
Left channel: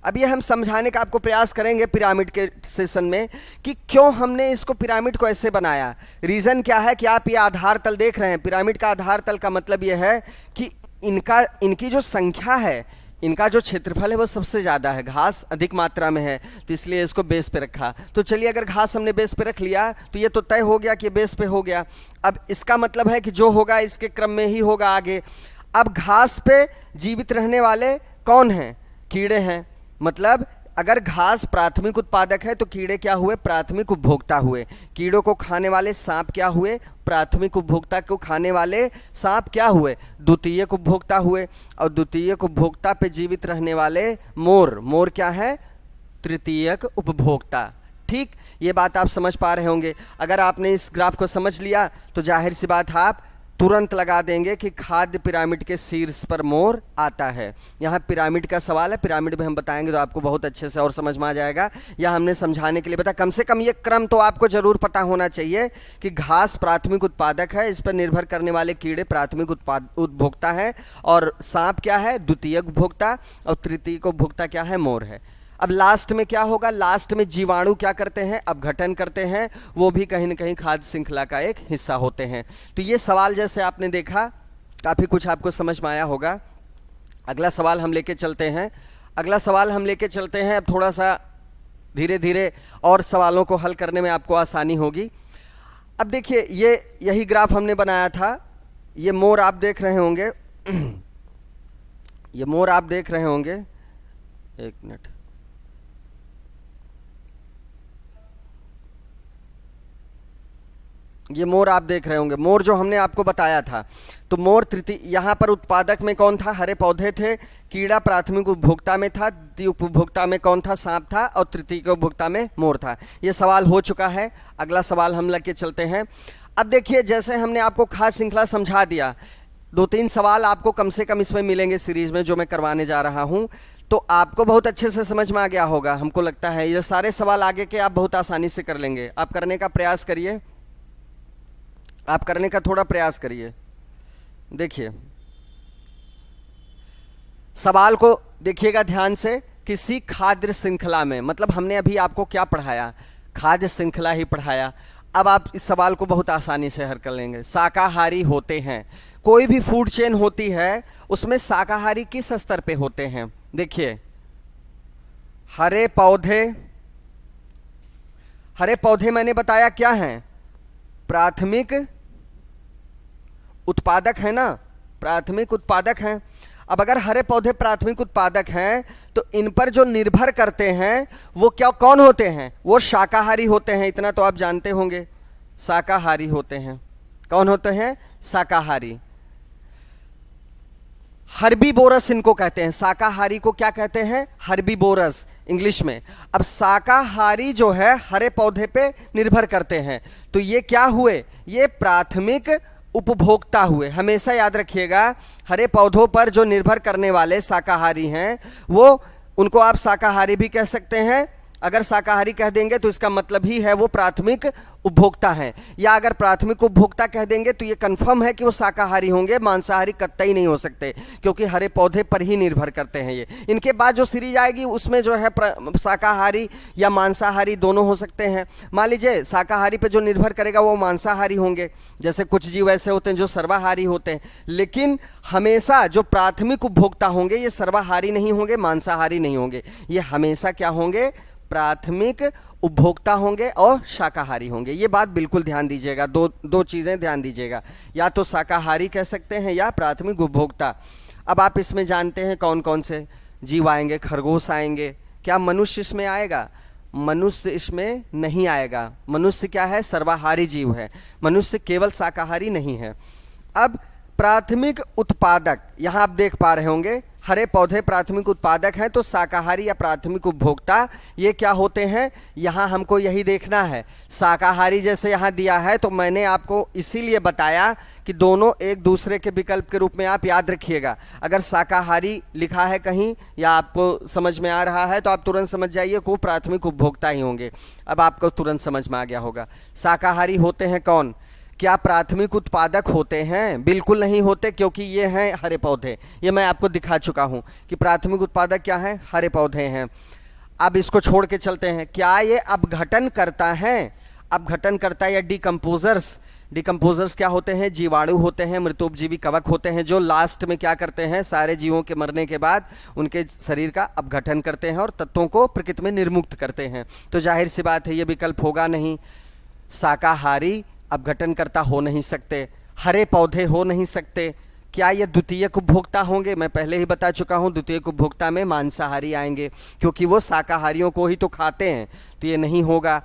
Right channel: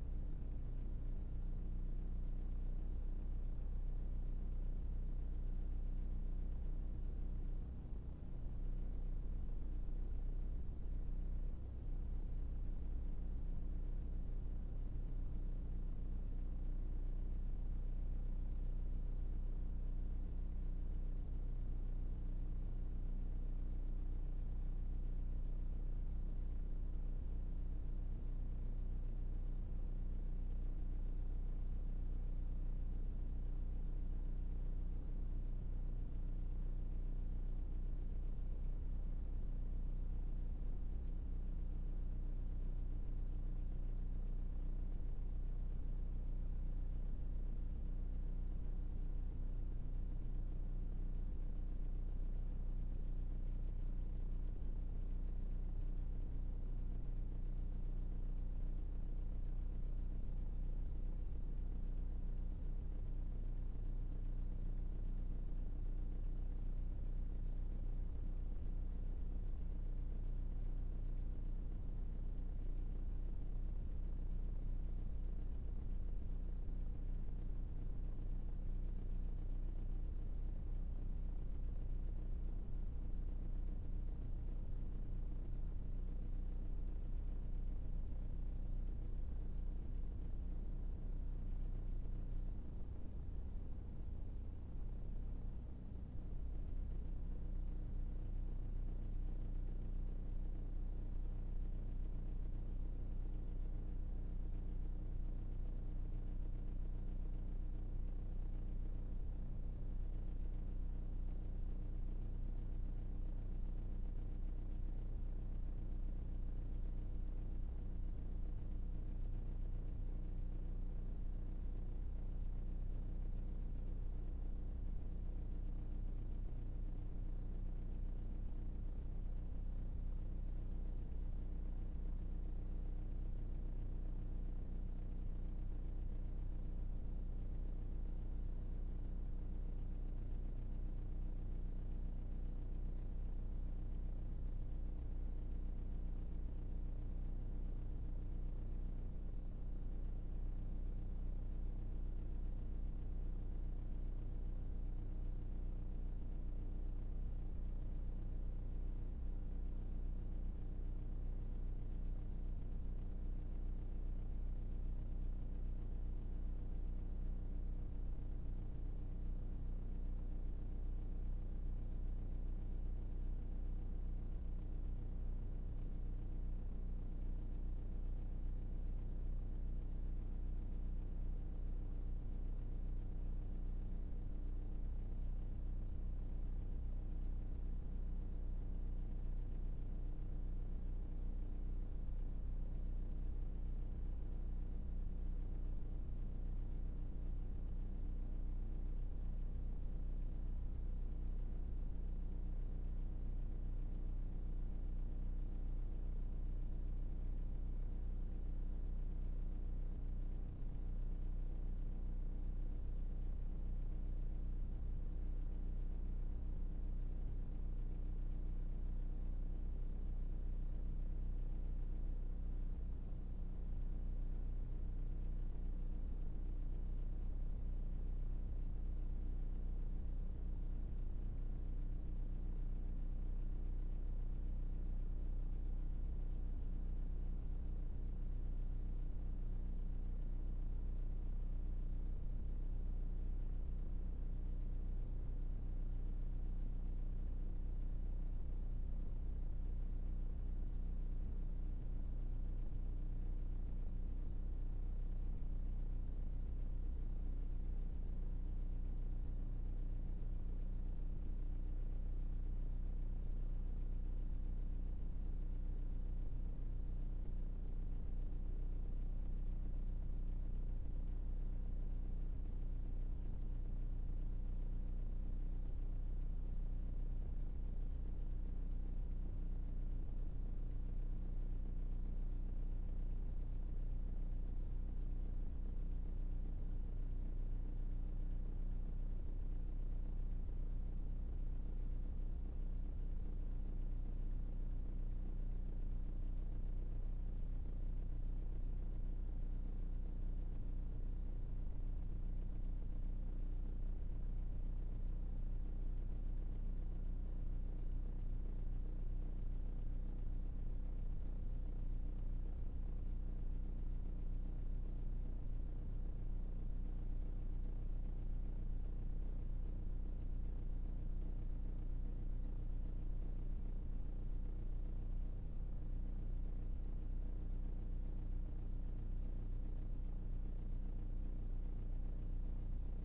अब ये हम समझाने का आपको प्रयास करेंगे पिरामिड के सेशन में कि क्यों हमने इसको पिरामिड को ऐसे बनाया। रीज़न क्या है कि आप ये आधार तल देख रहे हैं, पिरामिड का आधार तल का मतलब ये है कि इनकी जो संख्या है, इनका जो क्षेत्रफल है वो सबसे ज़्यादा है, घास अधिक मात्रा में है, तो इसलिए इसको बेस पे रखा। तो चलिए अगर घास हमने बेस पे रख लिया तो ये तो तय हो गया कि बेस पे हो गया। अब इसका मतलब है कि जो होगा इसके क्रम में ही होगा आगे। अब घास पे जीवित रहने वाले कौन हैं? कीड़े हैं। मतलब अगर घास प्राथमिक उत्पादक है तो कीड़े क्या हुए? प्राथमिक उपभोक्ता हुए। कीड़ों को खाने वाले सांप क्या हुए? प्राथमिक उपभोक्ता को खाने वाले सांप क्या हुए? द्वितीयक उपभोक्ता हुए। और द्वितीयक उपभोक्ता पे जीवित रहने वाले मोर क्या है? तृतीयक उपभोक्ता। ठीक, ये बात आप समझ पा रहे होंगे। अगर आपने इस ग्राफ को समझ लिया तो जाहिर सी बात आप तुरंत लगा देंगे कि खाद्य पिरामिड के शीर्ष पर मोर आता है। यहाँ पिरामिड का सवाल है, पिरामिड में हम बताएंगे तो आपको बहुत अच्छे से और समझ में आ जाएगा। या हमने समझाने के लिए बताया, कम से कम ये क्रम तो आपको जरूर पता होना चाहिए कि घास प्राथमिक उत्पादक है, इस पर निर्भर करने वाले कीड़े प्राथमिक उपभोक्ता है, और सांप क्या है? द्वितीयक उपभोक्ता, और तृतीयक उपभोक्ता क्या है? मोर है। अब लास्ट में क्या होगा? लास्ट में जीवाणु क्या करते हैं? अपघटन करते हैं, वो भी कहीं ना कहीं खाद्य श्रृंखला का एक हिस्सा होते हैं। तो ये सवाल जैसे आपने देखा काफ़ी कुछ आपको समझ में आया होगा। अगला सवाल हम लेके चलते हैं। अब थोड़ा सा धीरे धीरे और सवालों को हल करने में आपको आसानी होगी। अब देखिए यही ग्राफ हमने बनाया था, ये मोर आप देख रहे होंगे ये मोर आप देख रहे होंगे, एक मिनट, ये मोर आप देख रहे होंगे, मोर जो हमने आपको बताया था। तो मोर तृतीय, यहाँ पर उत्पादक में कौन था? हरे पौधे थे। कीड़ा प्राथमिक उपभोक्ता में था। द्वितीय उपभोक्ता में कौन था? सांप था। और तृतीय उपभोक्ता में मोर था। ये सवाल हो चुका है। अगला सवाल हम लेके चलते हैं। अब देखिए, जैसे हमने आपको खाद्य श्रृंखला समझा दिया, 2-3 सवाल आपको कम से कम इसमें मिलेंगे सीरीज में जो मैं करवाने जा रहा हूं, तो आपको बहुत अच्छे से समझ में आ गया होगा, हमको लगता है। ये सारे सवाल आगे के आप बहुत आसानी से कर लेंगे। आप करने का प्रयास करिए, आप करने का थोड़ा प्रयास करिए। देखिए, सवाल को देखिएगा ध्यान से। किसी खाद्य श्रृंखला में, मतलब हमने अभी आपको क्या पढ़ाया? खाद्य श्रृंखला ही पढ़ाया। अब आप इस सवाल को बहुत आसानी से हल कर लेंगे। शाकाहारी होते हैं, कोई भी फूड चेन होती है उसमें शाकाहारी किस स्तर पे होते हैं? देखिए, हरे पौधे, हरे पौधे मैंने बताया क्या हैं? प्राथमिक उत्पादक है ना, प्राथमिक उत्पादक हैं। अब अगर हरे पौधे प्राथमिक उत्पादक हैं तो इन पर जो निर्भर करते हैं वो क्या, कौन होते हैं? वो शाकाहारी होते हैं। इतना तो आप जानते होंगे, शाकाहारी होते हैं। कौन होते हैं? शाकाहारी। हर्बीवोरस इनको कहते हैं। शाकाहारी को क्या कहते हैं? हर्बीवोरस इंग्लिश में। अब शाकाहारी जो है हरे पौधे पे निर्भर करते हैं, तो ये क्या हुए? ये प्राथमिक उपभोक्ता हुए। हमेशा याद रखिएगा, हरे पौधों पर जो निर्भर करने वाले शाकाहारी हैं वो, उनको आप शाकाहारी भी कह सकते हैं। अगर शाकाहारी कह देंगे तो इसका मतलब ही है वो प्राथमिक उपभोक्ता हैं। या अगर प्राथमिक उपभोक्ता कह देंगे तो ये कंफर्म है कि वो शाकाहारी होंगे, मांसाहारी कतई नहीं हो सकते, क्योंकि हरे पौधे पर ही निर्भर करते हैं ये। इनके बाद जो सीरीज आएगी उसमें जो है शाकाहारी या मांसाहारी दोनों हो सकते हैं। मान लीजिए शाकाहारी पे जो निर्भर करेगा वो मांसाहारी होंगे, जैसे कुछ जीव ऐसे होते हैं जो सर्वाहारी होते हैं। लेकिन हमेशा जो प्राथमिक उपभोक्ता होंगे ये सर्वाहारी नहीं होंगे, मांसाहारी नहीं होंगे। ये हमेशा क्या होंगे? प्राथमिक उपभोक्ता होंगे और शाकाहारी होंगे। ये बात बिल्कुल ध्यान दीजिएगा। दो चीजें ध्यान दीजिएगा, या तो शाकाहारी कह सकते हैं या प्राथमिक उपभोक्ता। अब आप इसमें जानते हैं कौन कौन से जीव आएंगे? खरगोश आएंगे। क्या मनुष्य इसमें आएगा? मनुष्य इसमें नहीं आएगा। मनुष्य क्या है? सर्वाहारी जीव है। मनुष्य केवल शाकाहारी नहीं है। अब प्राथमिक उत्पादक, यहां आप देख पा रहे होंगे हरे पौधे प्राथमिक उत्पादक हैं, तो शाकाहारी या प्राथमिक उपभोक्ता ये क्या होते हैं? यहां हमको यही देखना है। शाकाहारी जैसे यहां दिया है तो मैंने आपको इसीलिए बताया कि दोनों एक दूसरे के विकल्प के रूप में आप याद रखिएगा। अगर शाकाहारी लिखा है कहीं या आपको समझ में आ रहा है तो आप तुरंत समझ जाइए को प्राथमिक उपभोक्ता ही होंगे। अब आपको तुरंत समझ में आ गया होगा। शाकाहारी होते हैं कौन? क्या प्राथमिक उत्पादक होते हैं? बिल्कुल नहीं होते, क्योंकि ये हैं हरे पौधे। ये मैं आपको दिखा चुका हूं कि प्राथमिक उत्पादक क्या है? हरे पौधे हैं। अब इसको छोड़ के चलते हैं। क्या ये अपघटन करता है? अपघटन करता है या डिकम्पोजर्स? डिकम्पोजर्स क्या होते हैं? जीवाणु होते हैं, मृतोपजीवी कवक होते हैं, जो लास्ट में क्या करते हैं? सारे जीवों के मरने के बाद उनके शरीर का अपघटन करते हैं और तत्वों को प्रकृति में निर्मुक्त करते हैं। तो जाहिर सी बात है ये विकल्प होगा नहीं। शाकाहारी अपघटन करता हो नहीं सकते, हरे पौधे हो नहीं सकते। क्या ये द्वितीयक उपभोक्ता होंगे? मैं पहले ही बता चुका हूं, द्वितीयक उपभोक्ता में मांसाहारी आएंगे, क्योंकि वो शाकाहारियों को ही तो खाते हैं। तो ये नहीं होगा।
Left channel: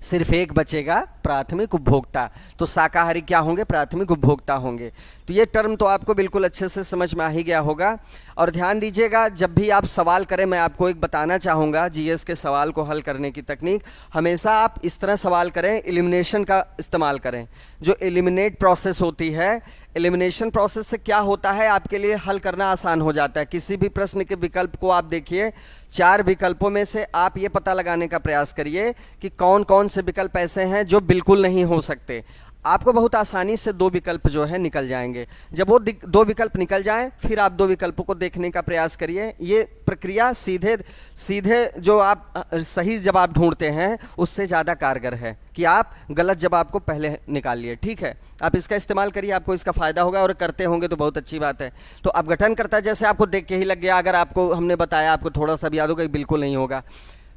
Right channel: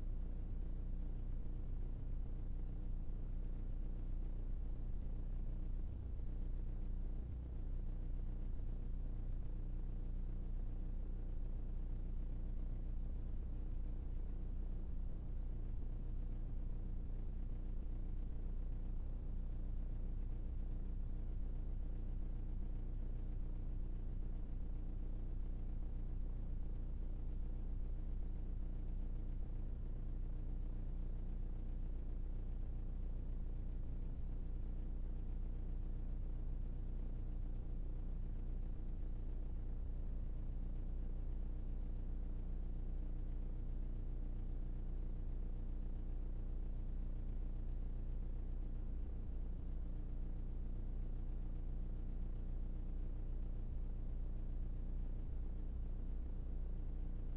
सिर्फ एक बचेगा, प्राथमिक उपभोक्ता। तो शाकाहारी क्या होंगे? प्राथमिक उपभोक्ता होंगे। तो ये टर्म तो आपको बिल्कुल अच्छे से समझ में आ ही गया होगा। और ध्यान दीजिएगा, जब भी आप सवाल करें, मैं आपको एक बताना चाहूँगा जीएस के सवाल को हल करने की तकनीक। हमेशा आप इस तरह सवाल करें, एलिमिनेशन का इस्तेमाल करें। जो एलिमिनेट प्रोसेस होती है, एलिमिनेशन प्रोसेस से क्या होता है, आपके लिए हल करना आसान हो जाता है। किसी भी प्रश्न के विकल्प को आप देखिए, 4 विकल्पों में से आप ये पता लगाने का प्रयास करिए कि कौन कौन से विकल्प ऐसे हैं जो बिल्कुल नहीं हो सकते। आपको बहुत आसानी से 2 विकल्प जो है निकल जाएंगे। जब वो 2 विकल्प निकल जाएं, फिर आप 2 विकल्पों को देखने का प्रयास करिए। ये प्रक्रिया सीधे सीधे जो आप सही जवाब ढूंढते हैं उससे ज़्यादा कारगर है कि आप गलत जवाब को पहले निकाल लिए। ठीक है, आप इसका इस्तेमाल करिए, आपको इसका फ़ायदा होगा, और करते होंगे तो बहुत अच्छी बात है। तो अपघटन करता, जैसे आपको देख के ही लग गया, अगर आपको हमने बताया, आपको थोड़ा सा भी याद होगा, बिल्कुल नहीं होगा।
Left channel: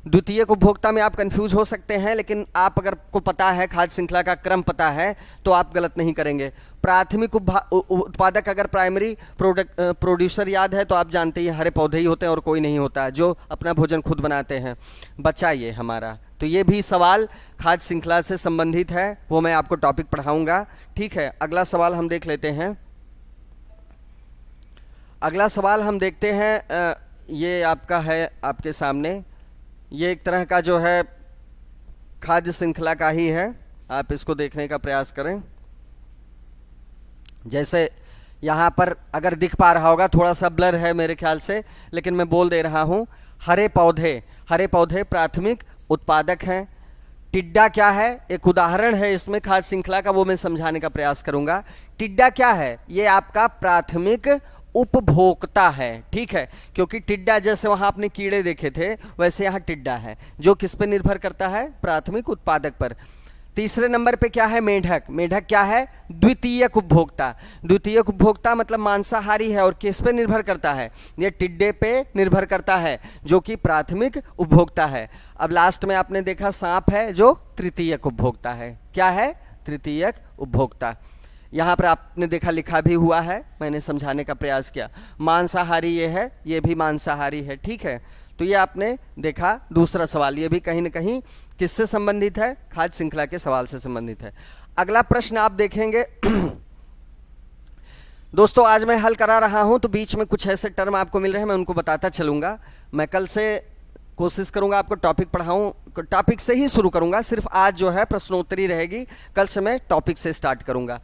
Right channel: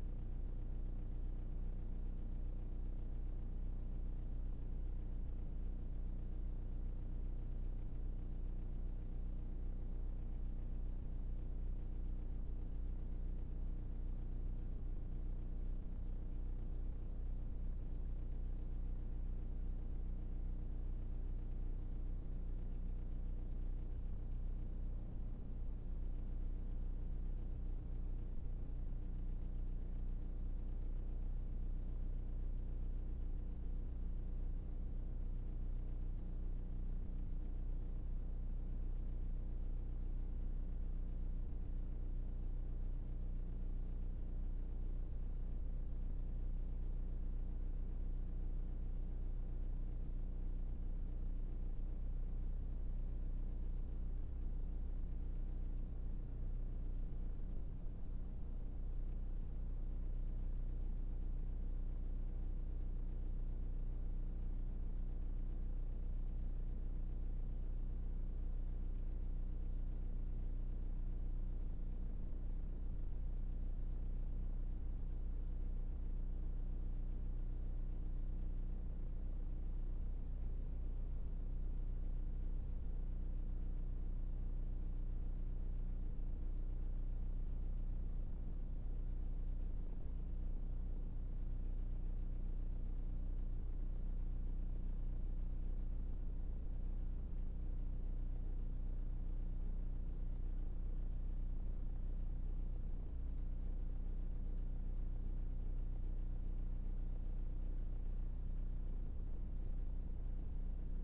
द्वितीयक उपभोक्ता में आप कंफ्यूज हो सकते हैं, लेकिन आप अगर को पता है, खाद्य श्रृंखला का क्रम पता है, तो आप गलत नहीं करेंगे। प्राथमिक उत्पादक, अगर प्राइमरी प्रोड्यूसर याद है तो आप जानते हैं हरे पौधे ही होते हैं और कोई नहीं होता है जो अपना भोजन खुद बनाते हैं। बचा ये हमारा, तो ये भी सवाल खाद्य श्रृंखला से संबंधित है, वो मैं आपको टॉपिक पढ़ाऊंगा। ठीक है, अगला सवाल हम देख लेते हैं। अगला सवाल हम देखते हैं, ये आपका है आपके सामने, ये एक तरह का जो है खाद्य श्रृंखला का ही है, आप इसको देखने का प्रयास करें। जैसे यहाँ पर अगर दिख पा रहा होगा, थोड़ा सा ब्लर है मेरे ख्याल से, लेकिन मैं बोल दे रहा हूँ, हरे पौधे प्राथमिक उत्पादक हैं। टिड्डा क्या है, एक उदाहरण है इसमें खाद्य श्रृंखला का, वो मैं समझाने का प्रयास करूंगा। टिड्डा क्या है, ये आपका प्राथमिक उपभोक्ता है। ठीक है, क्योंकि टिड्डा जैसे वहां आपने कीड़े देखे थे, वैसे यहाँ टिड्डा है जो किस पे निर्भर करता है, प्राथमिक उत्पादक पर। तीसरे नंबर पे क्या है, मेढक। मेढक क्या है, द्वितीयक उपभोक्ता। द्वितीयक उपभोक्ता मतलब मांसाहारी है और किस पे निर्भर करता है, ये टिड्डे पे निर्भर करता है जो कि प्राथमिक उपभोक्ता है। अब लास्ट में आपने देखा सांप है जो तृतीयक उपभोक्ता है। क्या है, तृतीयक उपभोक्ता। यहाँ पर आपने देखा लिखा भी हुआ है, मैंने समझाने का प्रयास किया। मांसाहारी ये है, ये भी मांसाहारी है। ठीक है, तो ये आपने देखा दूसरा सवाल, ये भी कहीं ना कहीं किससे संबंधित है, खाद्य श्रृंखला के सवाल से संबंधित है। अगला प्रश्न आप देखेंगे दोस्तों, आज मैं हल करा रहा हूं तो बीच में कुछ ऐसे टर्म आपको मिल रहे हैं, मैं उनको बताता चलूंगा। मैं कल से कोशिश करूंगा आपको टॉपिक पढ़ाऊं, टॉपिक से ही शुरू करूंगा, सिर्फ आज जो है प्रश्नोत्तरी रहेगी, कल से मैं टॉपिक से स्टार्ट करूंगा।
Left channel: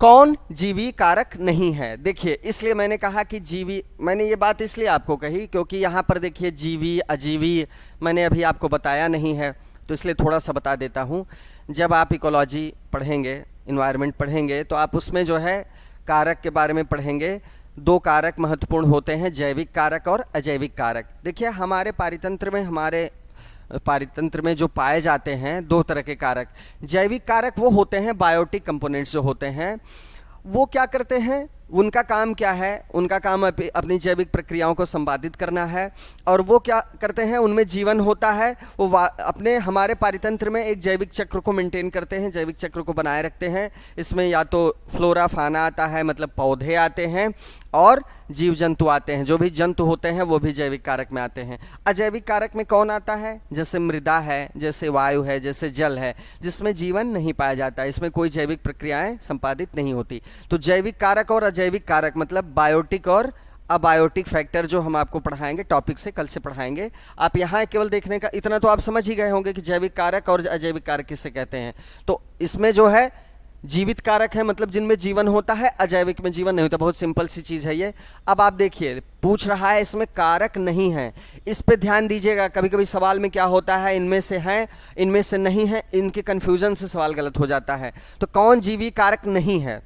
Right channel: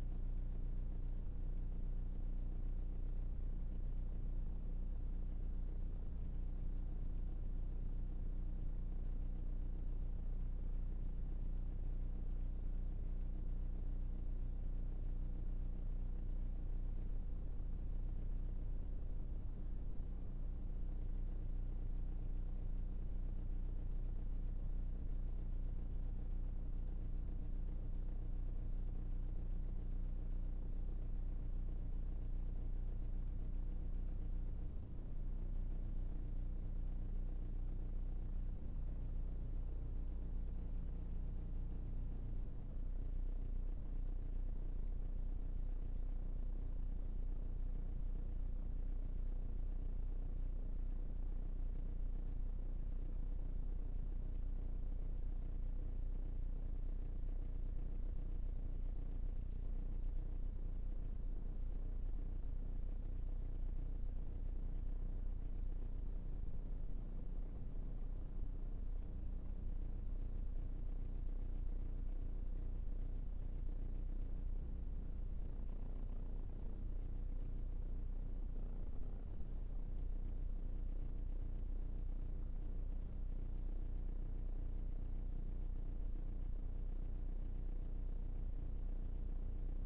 कौन जीवी कारक नहीं है, देखिए इसलिए मैंने कहा कि जीवी, मैंने ये बात इसलिए आपको कही क्योंकि यहाँ पर देखिए जीवी अजीवी मैंने अभी आपको बताया नहीं है, तो इसलिए थोड़ा सा बता देता हूँ। जब आप इकोलॉजी पढ़ेंगे, इन्वायरमेंट पढ़ेंगे, तो आप उसमें जो है कारक के बारे में पढ़ेंगे। दो कारक महत्वपूर्ण होते हैं, जैविक कारक और अजैविक कारक। देखिए हमारे पारितंत्र में जो पाए जाते हैं दो तरह के कारक। जैविक कारक वो होते हैं, बायोटिक कंपोनेंट्स जो होते हैं, वो क्या करते हैं, उनका काम क्या है, उनका काम अपनी जैविक प्रक्रियाओं को संपादित करना है। और वो क्या करते हैं, उनमें जीवन होता है, वो अपने हमारे पारितंत्र में एक जैविक चक्र को मेंटेन करते हैं, जैविक चक्र को बनाए रखते हैं। इसमें या तो फ्लोरा फाना आता है, मतलब पौधे आते हैं, और जीव जंतु आते हैं, जो भी जंतु होते हैं वो भी जैविक कारक में आते हैं। अजैविक कारक में कौन आता है, जैसे मृदा है, जैसे वायु है, जैसे जल है, जिसमें जीवन नहीं पाया जाता, इसमें कोई जैविक प्रक्रियाएं संपादित नहीं होती। तो जैविक कारक और अजैविक कारक मतलब बायोटिक और अबायोटिक फैक्टर जो हम आपको पढ़ाएंगे, टॉपिक से कल से पढ़ाएंगे। आप यहाँ केवल देखने का इतना तो आप समझ ही गए होंगे कि जैविक कारक और अजैविक कारक किससे कहते हैं। तो इसमें जो है जीवित कारक है, मतलब जिनमें जीवन होता है, अजैविक में जीवन नहीं होता। बहुत सिंपल सी चीज है ये। अब आप देखिए पूछ रहा है इसमें कारक नहीं है, इस पे ध्यान दीजिएगा। कभी कभी सवाल में क्या होता है, इनमें से हैं, इनमें से नहीं है, इनके कंफ्यूजन से सवाल गलत हो जाता है। तो कौन जीवी कारक नहीं है,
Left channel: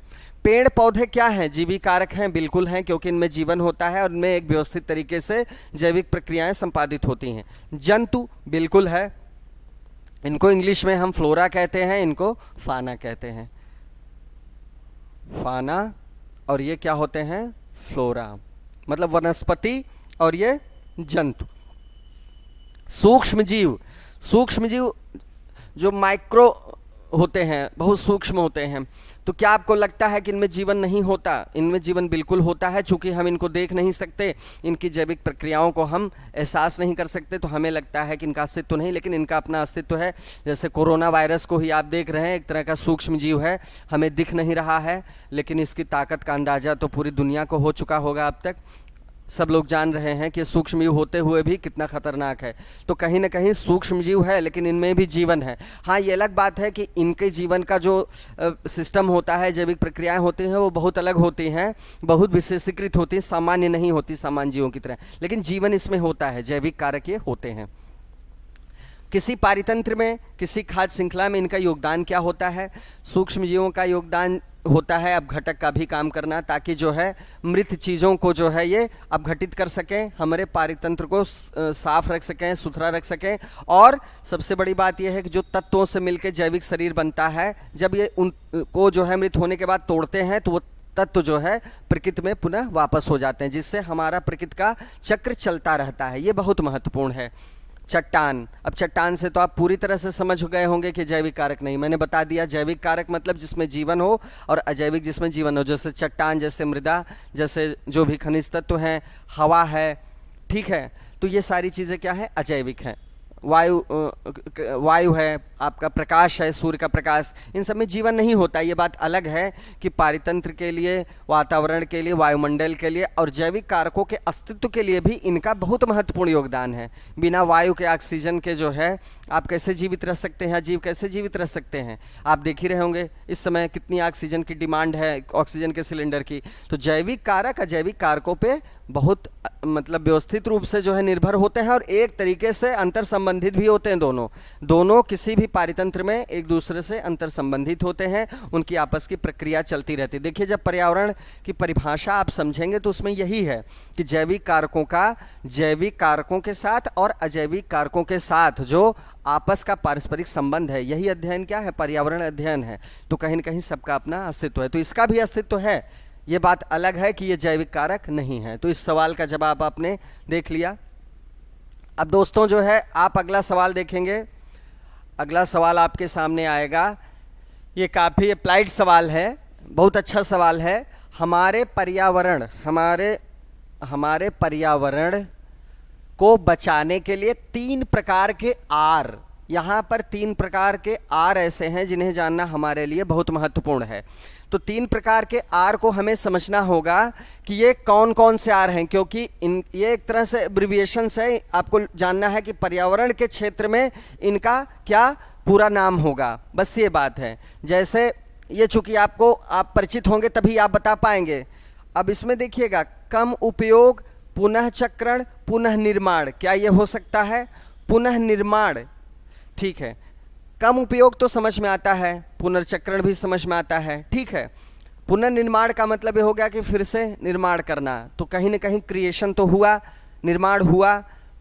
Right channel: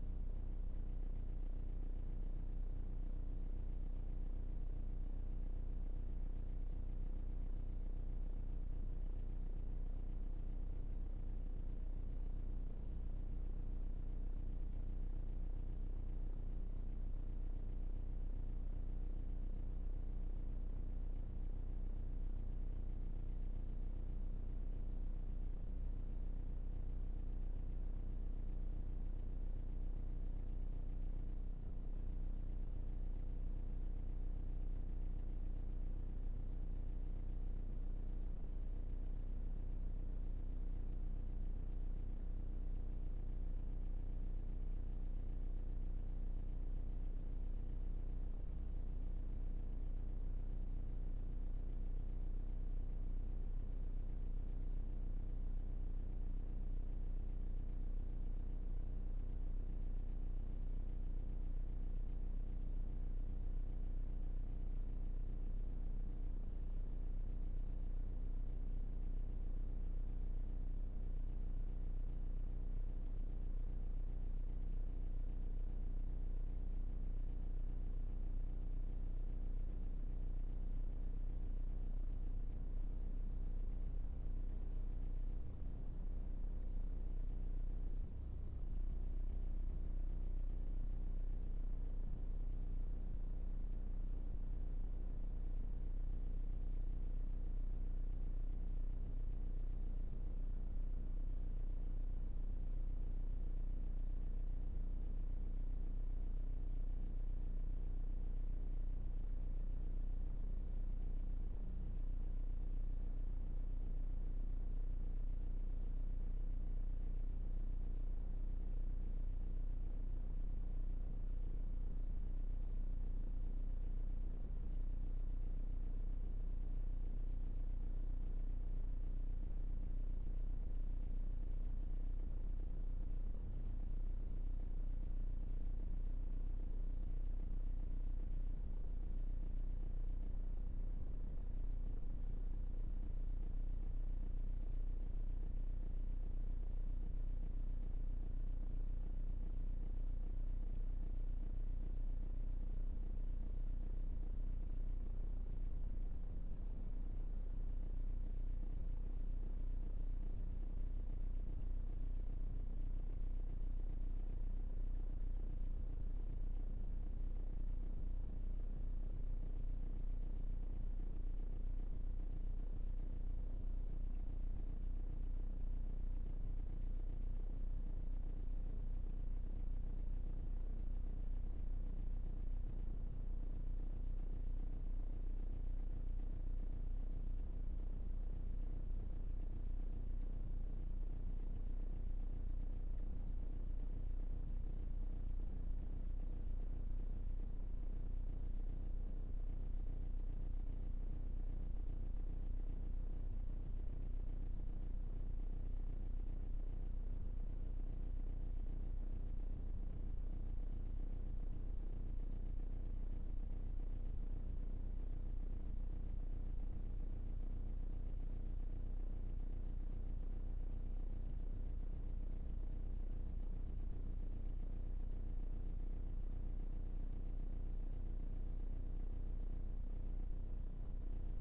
पेड़ पौधे क्या हैं, जीवी कारक हैं, बिल्कुल हैं, क्योंकि इनमें जीवन होता है और इनमें एक व्यवस्थित तरीके से जैविक प्रक्रियाएं संपादित होती हैं। जंतु बिल्कुल है, इनको इंग्लिश में हम फ्लोरा कहते हैं, इनको फाना कहते हैं। फाना और ये क्या होते हैं, फ्लोरा, मतलब वनस्पति, और ये जंतु। सूक्ष्म जीव जो माइक्रो होते हैं, बहुत सूक्ष्म होते हैं। तो क्या आपको लगता है कि इनमें जीवन नहीं होता? इनमें जीवन बिल्कुल होता है, चूंकि हम इनको देख नहीं सकते, इनकी जैविक प्रक्रियाओं को हम एहसास नहीं कर सकते, तो हमें लगता है कि इनका अस्तित्व नहीं, लेकिन इनका अपना अस्तित्व है। जैसे कोरोना वायरस को ही आप देख रहे हैं, एक तरह का सूक्ष्म जीव है, हमें दिख नहीं रहा है, लेकिन इसकी ताकत का अंदाजा तो पूरी दुनिया को हो चुका होगा अब तक। सब लोग जान रहे हैं कि सूक्ष्म जीव होते हुए भी कितना खतरनाक है। तो कहीं ना कहीं सूक्ष्म जीव है, लेकिन इनमें भी जीवन है। हाँ, ये अलग बात है कि इनके जीवन का जो सिस्टम होता है, जैविक प्रक्रियाएं होती हैं, वो बहुत अलग होती हैं, बहुत विशेषीकृत होती हैं, सामान्य नहीं होती सामान्य जीवों की तरह, लेकिन जीवन इसमें होता है, जैविक कारक ये होते हैं। किसी पारितंत्र में, किसी खाद्य श्रृंखला में इनका योगदान क्या होता है? सूक्ष्म जीवों का योगदान होता है अपघटक का भी काम करना, ताकि जो है मृत चीज़ों को जो है ये अपघटित कर सकें, हमारे पारितंत्र को साफ रख सकें, सुथरा रख सकें। और सबसे बड़ी बात यह है कि जो तत्वों से मिलकर जैविक शरीर बनता है, जब ये उनको जो है मृत होने के बाद तोड़ते हैं, तो वो तत्व जो है प्रकृति में पुनः वापस हो जाते हैं, जिससे हमारा प्रकृति का चक्र चलता रहता है। ये बहुत महत्वपूर्ण है। चट्टान। अब चट्टान से तो आप पूरी तरह से समझ गए होंगे कि जैविक कारक नहीं। मैंने बता दिया जैविक कारक मतलब जिसमें जीवन हो और अजैविक जिसमें जीवन हो, जैसे चट्टान, जैसे मृदा, जैसे जो भी खनिज तत्व हैं, हवा है, ठीक है। तो ये सारी चीज़ें क्या है, अजैविक हैं। वायु है, आपका प्रकाश है, सूर्य का प्रकाश, इन सब में जीवन नहीं होता। ये बात अलग है कि पारितंत्र के लिए, वातावरण के लिए, वायुमंडल के लिए और जैविक कारकों के अस्तित्व के लिए भी इनका बहुत महत्वपूर्ण योगदान है। बिना वायु के, ऑक्सीजन के जो है, आप कैसे जीवित रह सकते हैं, जीव कैसे जीवित रह सकते हैं। आप देख ही रहे होंगे इस समय कितनी ऑक्सीजन की डिमांड है, ऑक्सीजन के सिलेंडर की। तो जैविक कारक अजैविक कारकों पे बहुत मतलब व्यवस्थित रूप से जो है निर्भर होते हैं और एक तरीके से अंतर संबंधित भी होते हैं। दोनों किसी भी पारितंत्र में एक दूसरे से अंतर संबंधित होते हैं, उनकी आपस की प्रक्रिया चलती रहती है। देखिए, जब पर्यावरण की परिभाषा आप समझेंगे तो उसमें यही है कि जैविक कारकों का जैविक कारकों के साथ और अजैविक कारकों के साथ जो आपस का पारस्परिक संबंध है, यही अध्ययन क्या है, पर्यावरण अध्ययन है। तो कहीं न कहीं सबका अपना अस्तित्व है, तो इसका भी अस्तित्व है। ये बात अलग है कि ये जैविक कारक नहीं है। तो इस सवाल का जवाब आपने देख लिया। अब दोस्तों जो है, आप अगला सवाल देखेंगे। अगला सवाल आपके सामने आएगा। ये काफ़ी अप्लाइड सवाल है, बहुत अच्छा सवाल है। हमारे पर्यावरण को बचाने के लिए 3 प्रकार के आर, यहाँ पर 3 प्रकार के आर ऐसे हैं जिन्हें जानना हमारे लिए बहुत महत्वपूर्ण है। तो 3 प्रकार के आर को हमें समझना होगा कि ये कौन कौन से आर हैं, क्योंकि ये एक तरह से एब्रिविएशंस है। आपको जानना है कि पर्यावरण के क्षेत्र में इनका क्या पूरा नाम होगा, बस ये बात है। जैसे ये चूंकि आप परिचित होंगे तभी आप बता पाएंगे। अब इसमें देखिएगा, कम उपयोग, पुनः चक्रण, पुनः निर्माण। क्या ये हो सकता है? पुनः निर्माण, ठीक है। कम उपयोग तो समझ में आता है, पुनर्चक्रण भी समझ में आता है, ठीक है। पुनर्निर्माण का मतलब ये हो गया कि फिर से निर्माण करना। तो कहीं न कहीं क्रिएशन तो हुआ, निर्माण हुआ।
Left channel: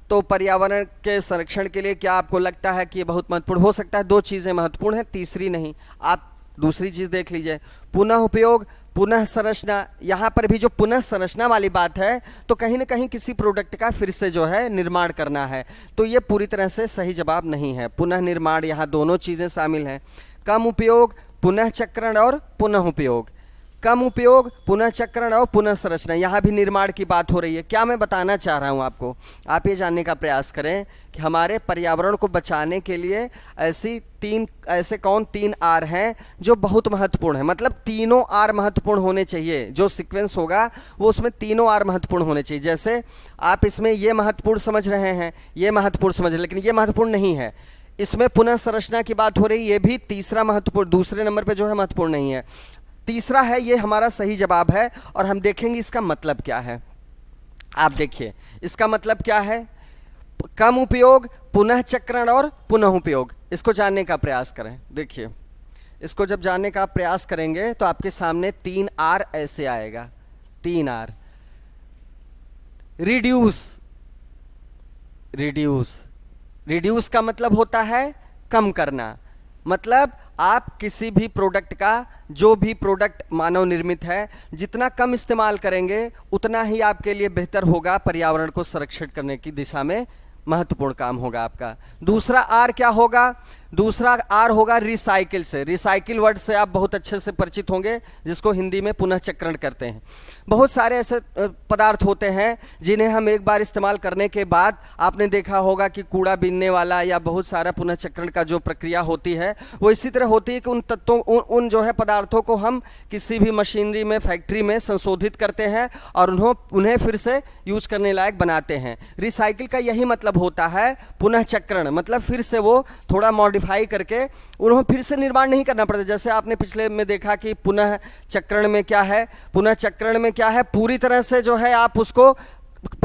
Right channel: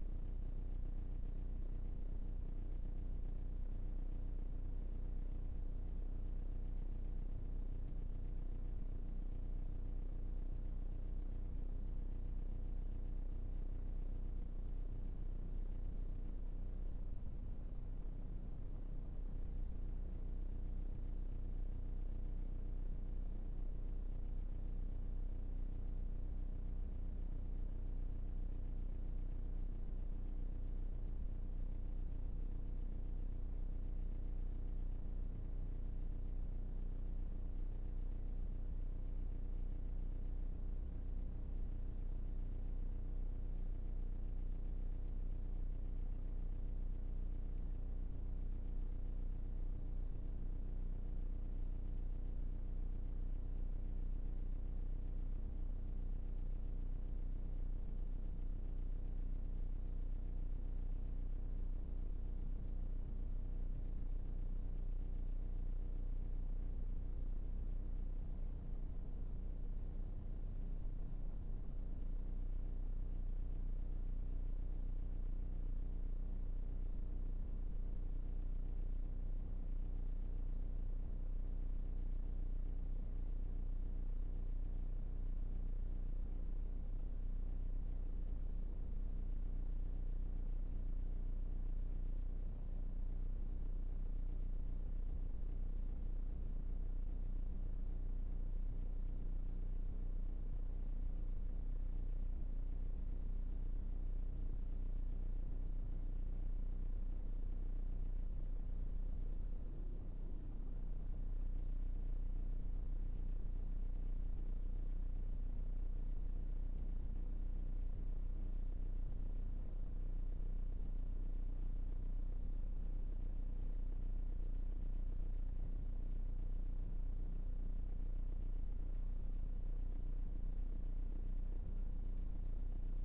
तो पर्यावरण के संरक्षण के लिए क्या आपको लगता है कि ये बहुत महत्वपूर्ण हो सकता है? 2 चीज़ें महत्वपूर्ण हैं, तीसरी नहीं। आप दूसरी चीज़ देख लीजिए, पुनः उपयोग, पुनः संरचना। यहाँ पर भी जो पुनः संरचना वाली बात है, तो कहीं ना कहीं किसी प्रोडक्ट का फिर से जो है निर्माण करना है। तो ये पूरी तरह से सही जवाब नहीं है। पुनः निर्माण, यहाँ दोनों चीज़ें शामिल हैं। कम उपयोग, पुनः चक्रण और पुनः उपयोग। कम उपयोग, पुनः चक्रण और पुनः संरचना, यहाँ भी निर्माण की बात हो रही है। क्या मैं बताना चाह रहा हूँ आपको, आप ये जानने का प्रयास करें कि हमारे पर्यावरण को बचाने के लिए ऐसे कौन 3 आर हैं जो बहुत महत्वपूर्ण है। मतलब तीनों आर महत्वपूर्ण होने चाहिए, जो सीक्वेंस होगा वो उसमें तीनों आर महत्वपूर्ण होने चाहिए। जैसे आप इसमें ये महत्वपूर्ण समझ रहे हैं, ये महत्वपूर्ण समझ रहे हैं, लेकिन ये महत्वपूर्ण नहीं है। इसमें पुनः संरचना की बात हो रही, ये भी तीसरा महत्वपूर्ण, दूसरे नंबर पर जो है महत्वपूर्ण नहीं है। तीसरा है, ये हमारा सही जवाब है और हम देखेंगे इसका मतलब क्या है। आप देखिए इसका मतलब क्या है, कम उपयोग, पुनः चक्रण और पुनः उपयोग। इसको जानने का प्रयास करें। देखिए, इसको जब जानने का प्रयास करेंगे तो आपके सामने 3 आर ऐसे आएगा, 3 आर। रिड्यूस का मतलब होता है कम करना। मतलब आप किसी भी प्रोडक्ट का, जो भी प्रोडक्ट मानव निर्मित है, जितना कम इस्तेमाल करेंगे उतना ही आपके लिए बेहतर होगा, पर्यावरण को संरक्षित करने की दिशा में महत्वपूर्ण काम होगा आपका। दूसरा आर क्या होगा? दूसरा आर होगा रिसाइकिल से। रिसाइकिल वर्ड से आप बहुत अच्छे से परिचित होंगे, जिसको हिंदी में पुनः चक्रण करते हैं। बहुत सारे ऐसे पदार्थ होते हैं जिन्हें हम एक बार इस्तेमाल करने के बाद, आपने देखा होगा कि कूड़ा बीनने वाला या बहुत सारा पुनः चक्रण का जो प्रक्रिया होती है वो इसी तरह होती है कि उन तत्वों, उन जो है पदार्थों को हम किसी भी मशीनरी में, फैक्ट्री में संशोधित करते हैं और उन्हें फिर से यूज करने लायक बनाते हैं। रिसाइकिल का यही मतलब होता है, पुनः चक्रण। मतलब फिर से वो थोड़ा मॉडिफाई करके उन्हें फिर से निर्माण नहीं करना पड़ता। जैसे आपने पिछले में देखा कि पुनः चक्रण में क्या है, पुनः चक्रण में क्या है, पूरी तरह से जो है आप उसको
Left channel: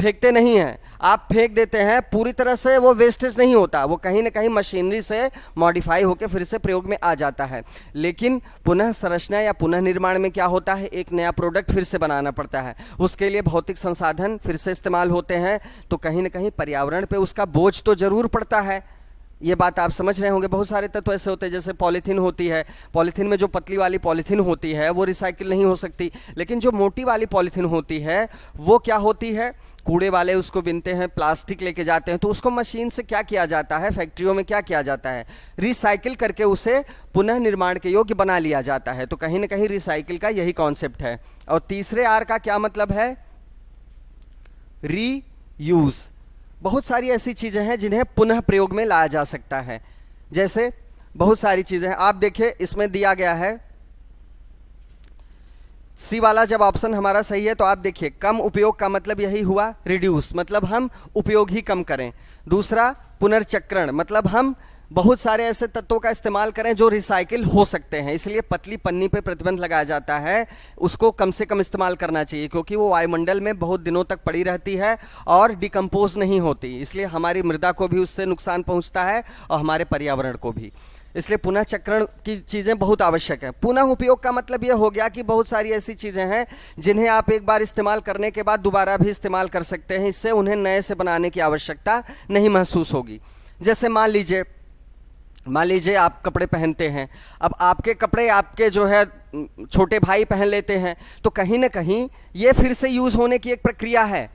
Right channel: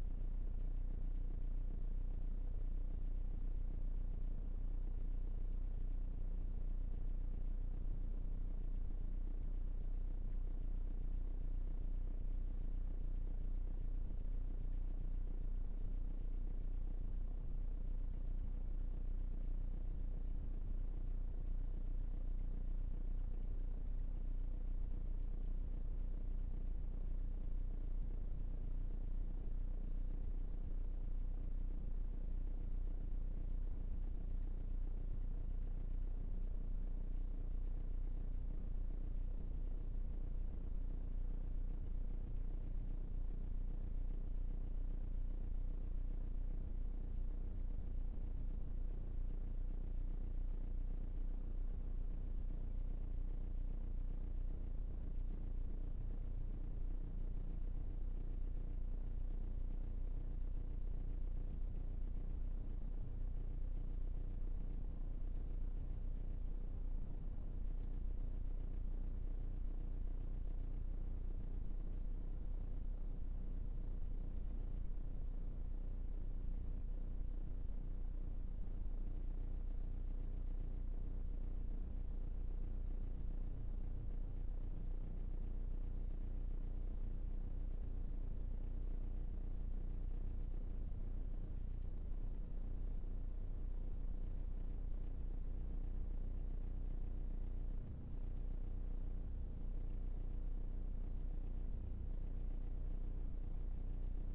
फेंकते नहीं हैं, आप फेंक देते हैं, पूरी तरह से वो वेस्टेज नहीं होता, वो कहीं ना कहीं मशीनरी से मॉडिफाई होकर फिर से प्रयोग में आ जाता है। लेकिन पुनः संरचना या पुनः निर्माण में क्या होता है, एक नया प्रोडक्ट फिर से बनाना पड़ता है, उसके लिए भौतिक संसाधन फिर से इस्तेमाल होते हैं। तो कहीं ना कहीं पर्यावरण पे उसका बोझ तो जरूर पड़ता है। ये बात आप समझ रहे होंगे। बहुत सारे तत्व ऐसे होते हैं, जैसे पॉलीथीन होती है, पॉलीथीन में जो पतली वाली पॉलीथीन होती है वो रिसाइकिल नहीं हो सकती, लेकिन जो मोटी वाली पॉलीथीन होती है वो क्या होती है, कूड़े वाले उसको बिनते हैं, प्लास्टिक लेके जाते हैं, तो उसको मशीन से क्या किया जाता है, फैक्ट्रियों में क्या किया जाता है, रिसाइकिल करके उसे पुनः निर्माण के योग्य बना लिया जाता है। तो कहीं ना कहीं रिसाइकिल का यही कॉन्सेप्ट है। और तीसरे आर का क्या मतलब है, रीयूज। बहुत सारी ऐसी चीजें हैं जिन्हें पुनः प्रयोग में लाया जा सकता है। जैसे बहुत सारी चीजें हैं, आप देखिए इसमें दिया गया है सी वाला। जब ऑप्शन हमारा सही है तो आप देखिए कम उपयोग का मतलब यही हुआ रिड्यूस, मतलब हम उपयोग ही कम करें। दूसरा पुनर्चक्रण, मतलब हम बहुत सारे ऐसे तत्वों का इस्तेमाल करें जो रिसाइकिल हो सकते हैं, इसलिए पतली पन्नी पे प्रतिबंध लगाया जाता है, उसको कम से कम इस्तेमाल करना चाहिए क्योंकि वो वायुमंडल में बहुत दिनों तक पड़ी रहती है और डिकम्पोज नहीं होती, इसलिए हमारी मृदा को भी उससे नुकसान पहुंचता है और हमारे पर्यावरण को भी। इसलिए पुनः चक्रण की चीज़ें बहुत आवश्यक है। पुनः उपयोग का मतलब यह हो गया कि बहुत सारी ऐसी चीज़ें हैं जिन्हें आप एक बार इस्तेमाल करने के बाद दोबारा भी इस्तेमाल कर सकते हैं, इससे उन्हें नए से बनाने की आवश्यकता नहीं महसूस होगी। जैसे मान लीजिए आप कपड़े पहनते हैं, अब आपके कपड़े आपके जो है छोटे भाई पहन लेते हैं, तो कहीं ना कहीं ये फिर से यूज़ होने की एक प्रक्रिया है,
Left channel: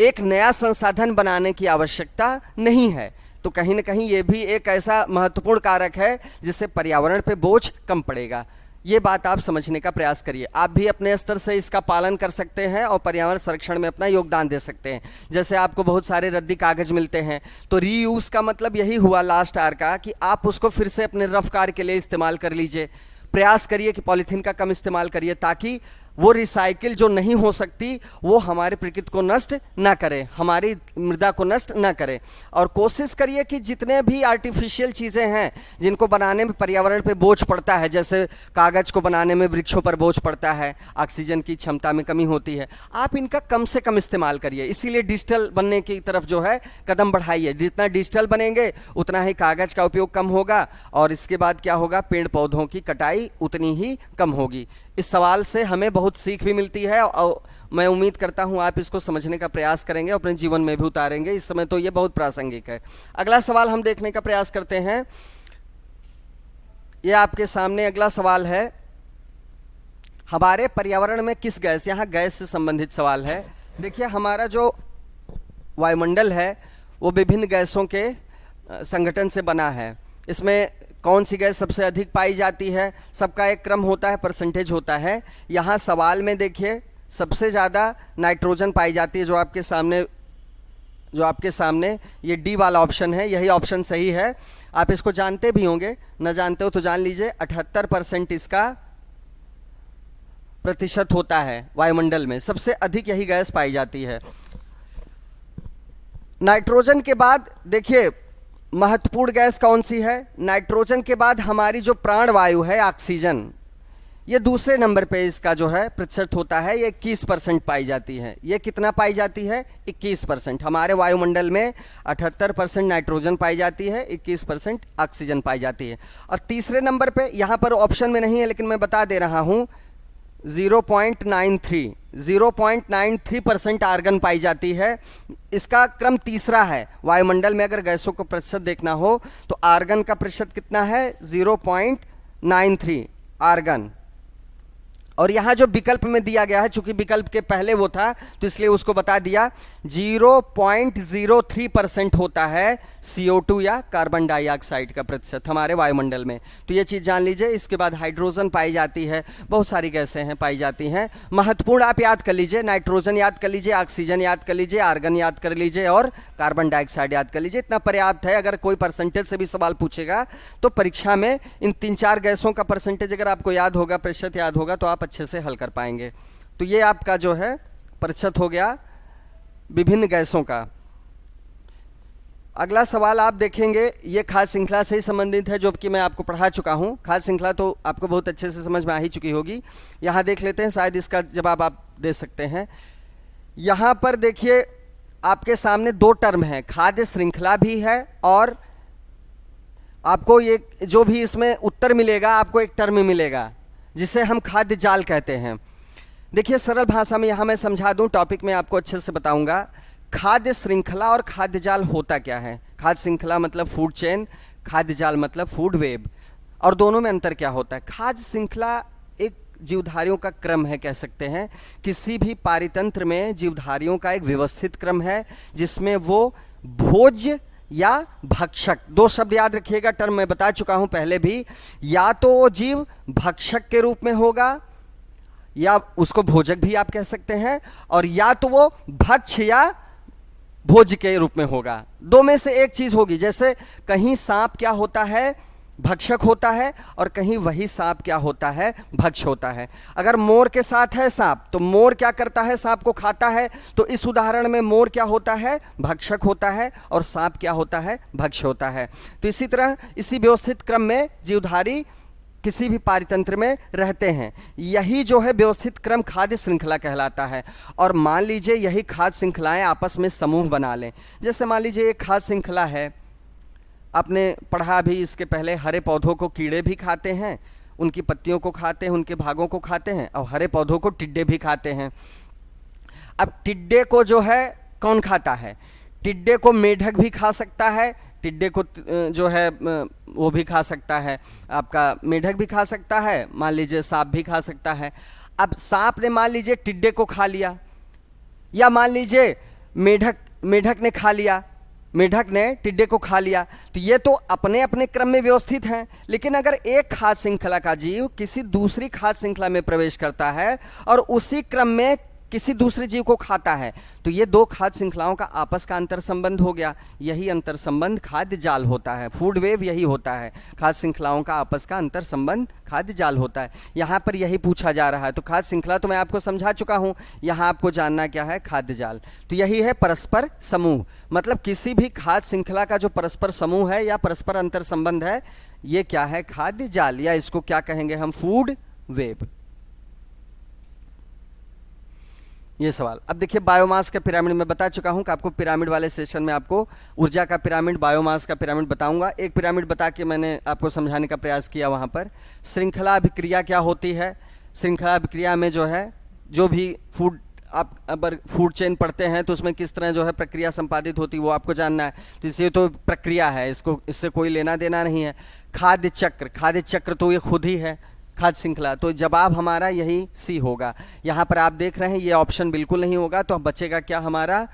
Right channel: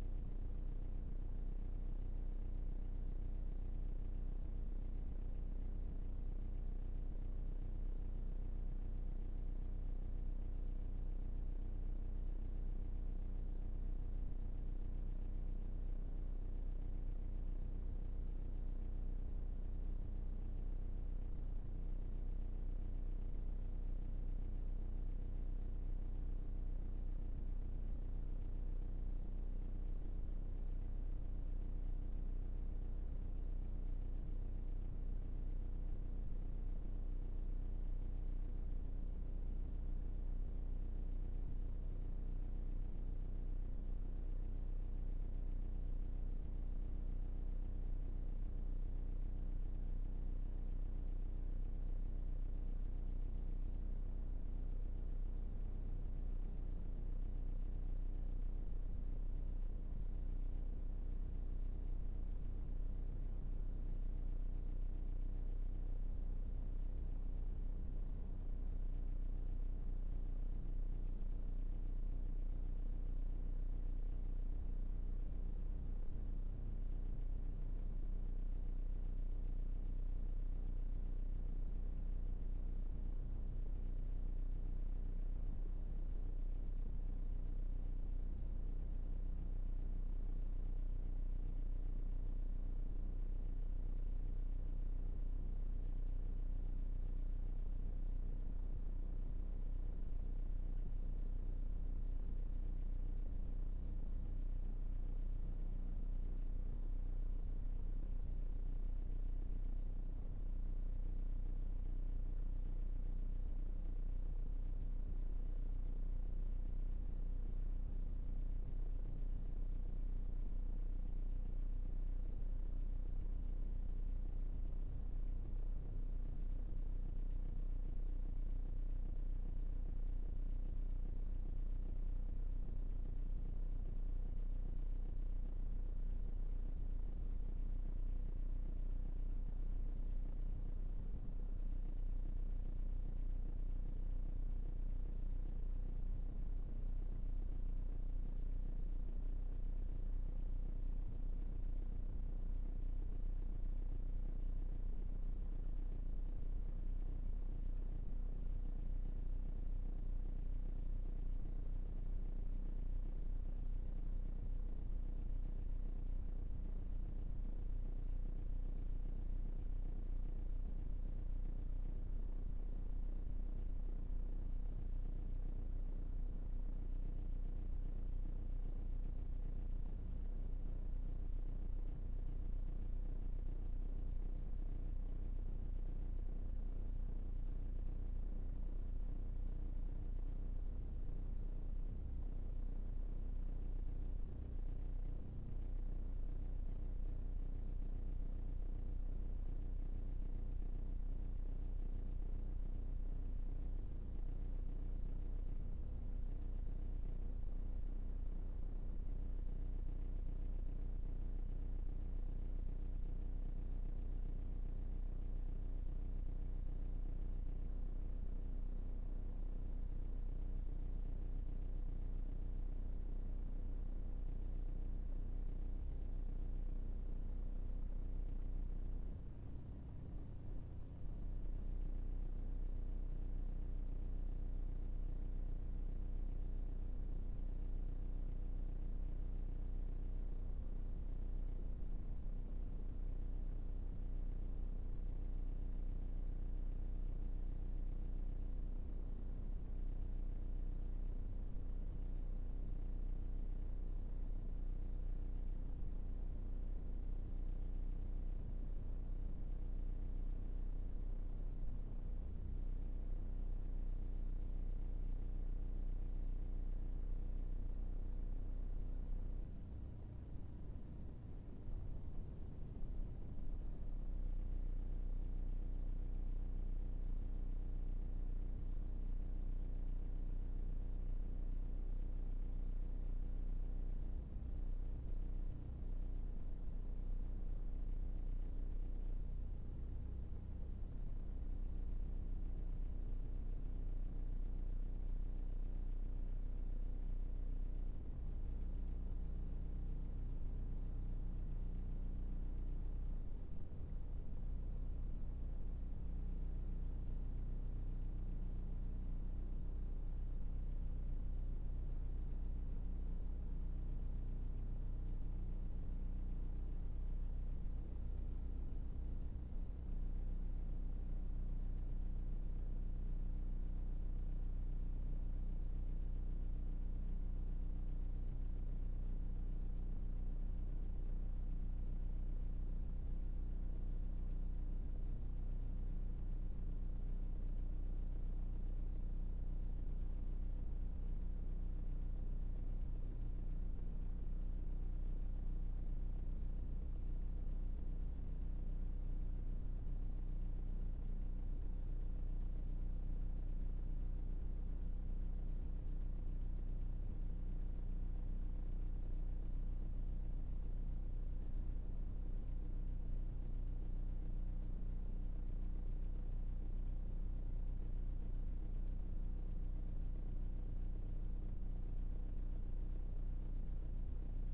एक नया संसाधन बनाने की आवश्यकता नहीं है। तो कहीं ना कहीं ये भी एक ऐसा महत्वपूर्ण कारक है जिससे पर्यावरण पे बोझ कम पड़ेगा। ये बात आप समझने का प्रयास करिए, आप भी अपने स्तर से इसका पालन कर सकते हैं और पर्यावरण संरक्षण में अपना योगदान दे सकते हैं। जैसे आपको बहुत सारे रद्दी कागज मिलते हैं, तो रीयूज का मतलब यही हुआ लास्ट आर का कि आप उसको फिर से अपने रफ कार्य के लिए इस्तेमाल कर लीजिए। प्रयास करिए कि पॉलीथीन का कम इस्तेमाल करिए ताकि वो रिसाइकिल जो नहीं हो सकती वो हमारे प्रकृति को नष्ट ना करे, हमारी मृदा को नष्ट ना करे। और कोशिश करिए कि जितने भी आर्टिफिशियल चीज़ें हैं जिनको बनाने में पर्यावरण पे बोझ पड़ता है, जैसे कागज़ को बनाने में वृक्षों पर बोझ पड़ता है, ऑक्सीजन की क्षमता में कमी होती है, आप इनका कम से कम इस्तेमाल करिए। इसीलिए डिजिटल बनने की तरफ जो है कदम बढ़ाइए। जितना डिजिटल बनेंगे उतना ही कागज़ का उपयोग कम होगा और इसके बाद क्या होगा, पेड़ पौधों की कटाई उतनी ही कम होगी। इस सवाल से हमें बहुत सीख भी मिलती है और मैं उम्मीद करता हूं आप इसको समझने का प्रयास करेंगे और अपने जीवन में भी उतारेंगे। इस समय तो ये बहुत प्रासंगिक है। अगला सवाल हम देखने का प्रयास करते हैं। ये आपके सामने अगला सवाल है, हमारे पर्यावरण में किस गैस, यहाँ गैस से संबंधित सवाल है। देखिए हमारा जो वायुमंडल है वो विभिन्न गैसों के संगठन से बना है। इसमें कौन सी गैस सबसे अधिक पाई जाती है, सबका एक क्रम होता है, परसेंटेज होता है। यहाँ सवाल में देखिए सबसे ज़्यादा नाइट्रोजन पाई जाती है, जो आपके सामने ये डी वाला ऑप्शन है, यही ऑप्शन सही है। आप इसको जानते भी होंगे, न जानते हो तो जान लीजिए। 78% इसका प्रतिशत होता है वायुमंडल में, सबसे अधिक यही गैस पाई जाती है। नाइट्रोजन के बाद देखिए महत्वपूर्ण गैस कौन सी है, नाइट्रोजन के बाद हमारी जो प्राण वायु है ऑक्सीजन, ये दूसरे नंबर पे इसका जो है प्रतिशत होता है, ये 21% पाई जाती है। ये कितना पाई जाती है, 21%। हमारे वायुमंडल में 78% नाइट्रोजन पाई जाती है, 21% ऑक्सीजन पाई जाती है। और तीसरे नंबर पे यहाँ पर ऑप्शन में नहीं है लेकिन मैं बता दे रहा हूँ, 0.93% आर्गन पाई जाती है। इसका क्रम तीसरा है। वायुमंडल में अगर गैसों को प्रतिशत देखना हो तो आर्गन का प्रतिशत कितना है, 0.93 आर्गन। और यहाँ जो विकल्प में दिया गया है, चूंकि विकल्प के पहले वो था तो इसलिए उसको बता दिया, 0.03% होता है CO2 या कार्बन डाइऑक्साइड का प्रतिशत हमारे वायुमंडल में। तो ये चीज़ जान लीजिए। इसके बाद हाइड्रोजन पाई जाती है, बहुत सारी गैसें हैं पाई जाती हैं। महत्वपूर्ण आप याद कर लीजिए, नाइट्रोजन याद कर लीजिए, ऑक्सीजन याद कर लीजिए, आर्गन याद कर लीजिए और कार्बन डाइऑक्साइड याद कर लीजिए। इतना पर्याप्त है। अगर कोई परसेंटेज से भी सवाल पूछेगा तो परीक्षा में इन 3-4 गैसों का परसेंटेज अगर आपको याद होगा, प्रतिशत याद होगा, तो आप अच्छे से हल कर पाएंगे। तो ये आपका जो है प्रतिशत हो गया विभिन्न गैसों का। अगला सवाल आप देखेंगे, ये खाद्य श्रृंखला से ही संबंधित है, जो कि मैं आपको पढ़ा चुका हूँ। खाद्य श्रृंखला तो आपको बहुत अच्छे से समझ में आ ही चुकी होगी। यहाँ देख लेते हैं, शायद इसका जवाब आप दे सकते हैं। यहाँ पर देखिए आपके सामने 2 टर्म है, खाद्य श्रृंखला भी है और आपको ये जो भी इसमें उत्तर मिलेगा आपको एक टर्म मिलेगा जिसे हम खाद्य जाल कहते हैं। देखिए सरल भाषा में यहाँ मैं समझा दूँ, टॉपिक में आपको अच्छे से बताऊँगा। खाद्य श्रृंखला और खाद्य जाल होता क्या है। खाद्य श्रृंखला मतलब फूड चेन, खाद्य जाल मतलब फूड वेब, और दोनों में अंतर क्या होता है। खाद्य श्रृंखला एक जीवधारियों का क्रम है, कह सकते हैं। किसी भी पारितंत्र में जीवधारियों का एक व्यवस्थित क्रम है जिसमें वो भोज्य या भक्षक, दो शब्द याद रखिएगा, टर्म मैं बता चुका हूं पहले भी, या तो वो जीव भक्षक के रूप में होगा या उसको भोजक भी आप कह सकते हैं, और या तो वो भक्ष या भोज के रूप में होगा। दो में से एक चीज होगी। जैसे कहीं सांप क्या होता है, भक्षक होता है, और कहीं वही सांप क्या होता है, भक्ष होता है। अगर मोर के साथ है सांप तो मोर क्या करता है, सांप को खाता है, तो इस उदाहरण में मोर क्या होता है, भक्षक होता है, और सांप क्या होता है, भक्ष होता है। तो इसी तरह इसी व्यवस्थित क्रम में जीवधारी किसी भी पारितंत्र में रहते हैं। यही जो है व्यवस्थित क्रम खाद्य श्रृंखला कहलाता है। और मान लीजिए यही खाद्य श्रृंखलाएं आपस में समूह बना लें। जैसे मान लीजिए एक खाद्य श्रृंखला है, आपने पढ़ा भी इसके पहले, हरे पौधों को कीड़े भी खाते हैं, उनकी पत्तियों को खाते हैं, उनके भागों को खाते हैं, और हरे पौधों को टिड्डे भी खाते हैं। अब टिड्डे को जो है कौन खाता है, टिड्डे को मेढक भी खा सकता है, टिड्डे को जो है वो भी खा सकता है, आपका मेढक भी खा सकता है, मान लीजिए सांप भी खा सकता है। अब सांप ने मान लीजिए टिड्डे को खा लिया, या मान लीजिए मेढक ने खा लिया, मेढक ने टिड्डे को खा लिया, तो ये तो अपने अपने क्रम में व्यवस्थित हैं। लेकिन अगर एक खाद्य श्रृंखला का जीव किसी दूसरी खाद्य श्रृंखला में प्रवेश करता है और उसी क्रम में किसी दूसरे जीव को खाता है, तो ये दो खाद्य श्रृंखलाओं का आपस का अंतर संबंध हो गया। यही अंतर संबंध खाद्य जाल होता है, फूड वेव यही होता है, खाद्य श्रृंखलाओं का आपस का अंतर संबंध खाद्य जाल होता है। यहाँ पर यही पूछा जा रहा है। तो खाद्य श्रृंखला तो मैं आपको समझा चुका हूँ, यहाँ आपको जानना क्या है, खाद्य जाल। तो यही है परस्पर समूह, मतलब किसी भी खाद्य श्रृंखला का जो परस्पर समूह है या परस्पर अंतर संबंध है, ये क्या है, खाद्य जाल, या इसको क्या कहेंगे हम, फूड वेब। ये सवाल। अब देखिए बायोमास का पिरामिड मैं बता चुका हूं कि आपको पिरामिड वाले सेशन में आपको ऊर्जा का पिरामिड, बायोमास का पिरामिड बताऊंगा। एक पिरामिड बता के मैंने आपको समझाने का प्रयास किया वहां पर। श्रृंखला अभिक्रिया क्या होती है, श्रृंखला अभिक्रिया में जो है जो भी फूड, आप अगर फूड चेन पढ़ते हैं तो उसमें किस तरह जो है प्रक्रिया संपादित होती है वो आपको जानना है। तो इससे तो प्रक्रिया है, इससे कोई लेना देना नहीं है। खाद्य चक्र, खाद्य चक्र तो ये खुद ही है खाद्य श्रृंखला, तो जवाब हमारा यही सी होगा। यहाँ पर आप देख रहे हैं ये ऑप्शन बिल्कुल नहीं होगा, तो बचेगा क्या हमारा,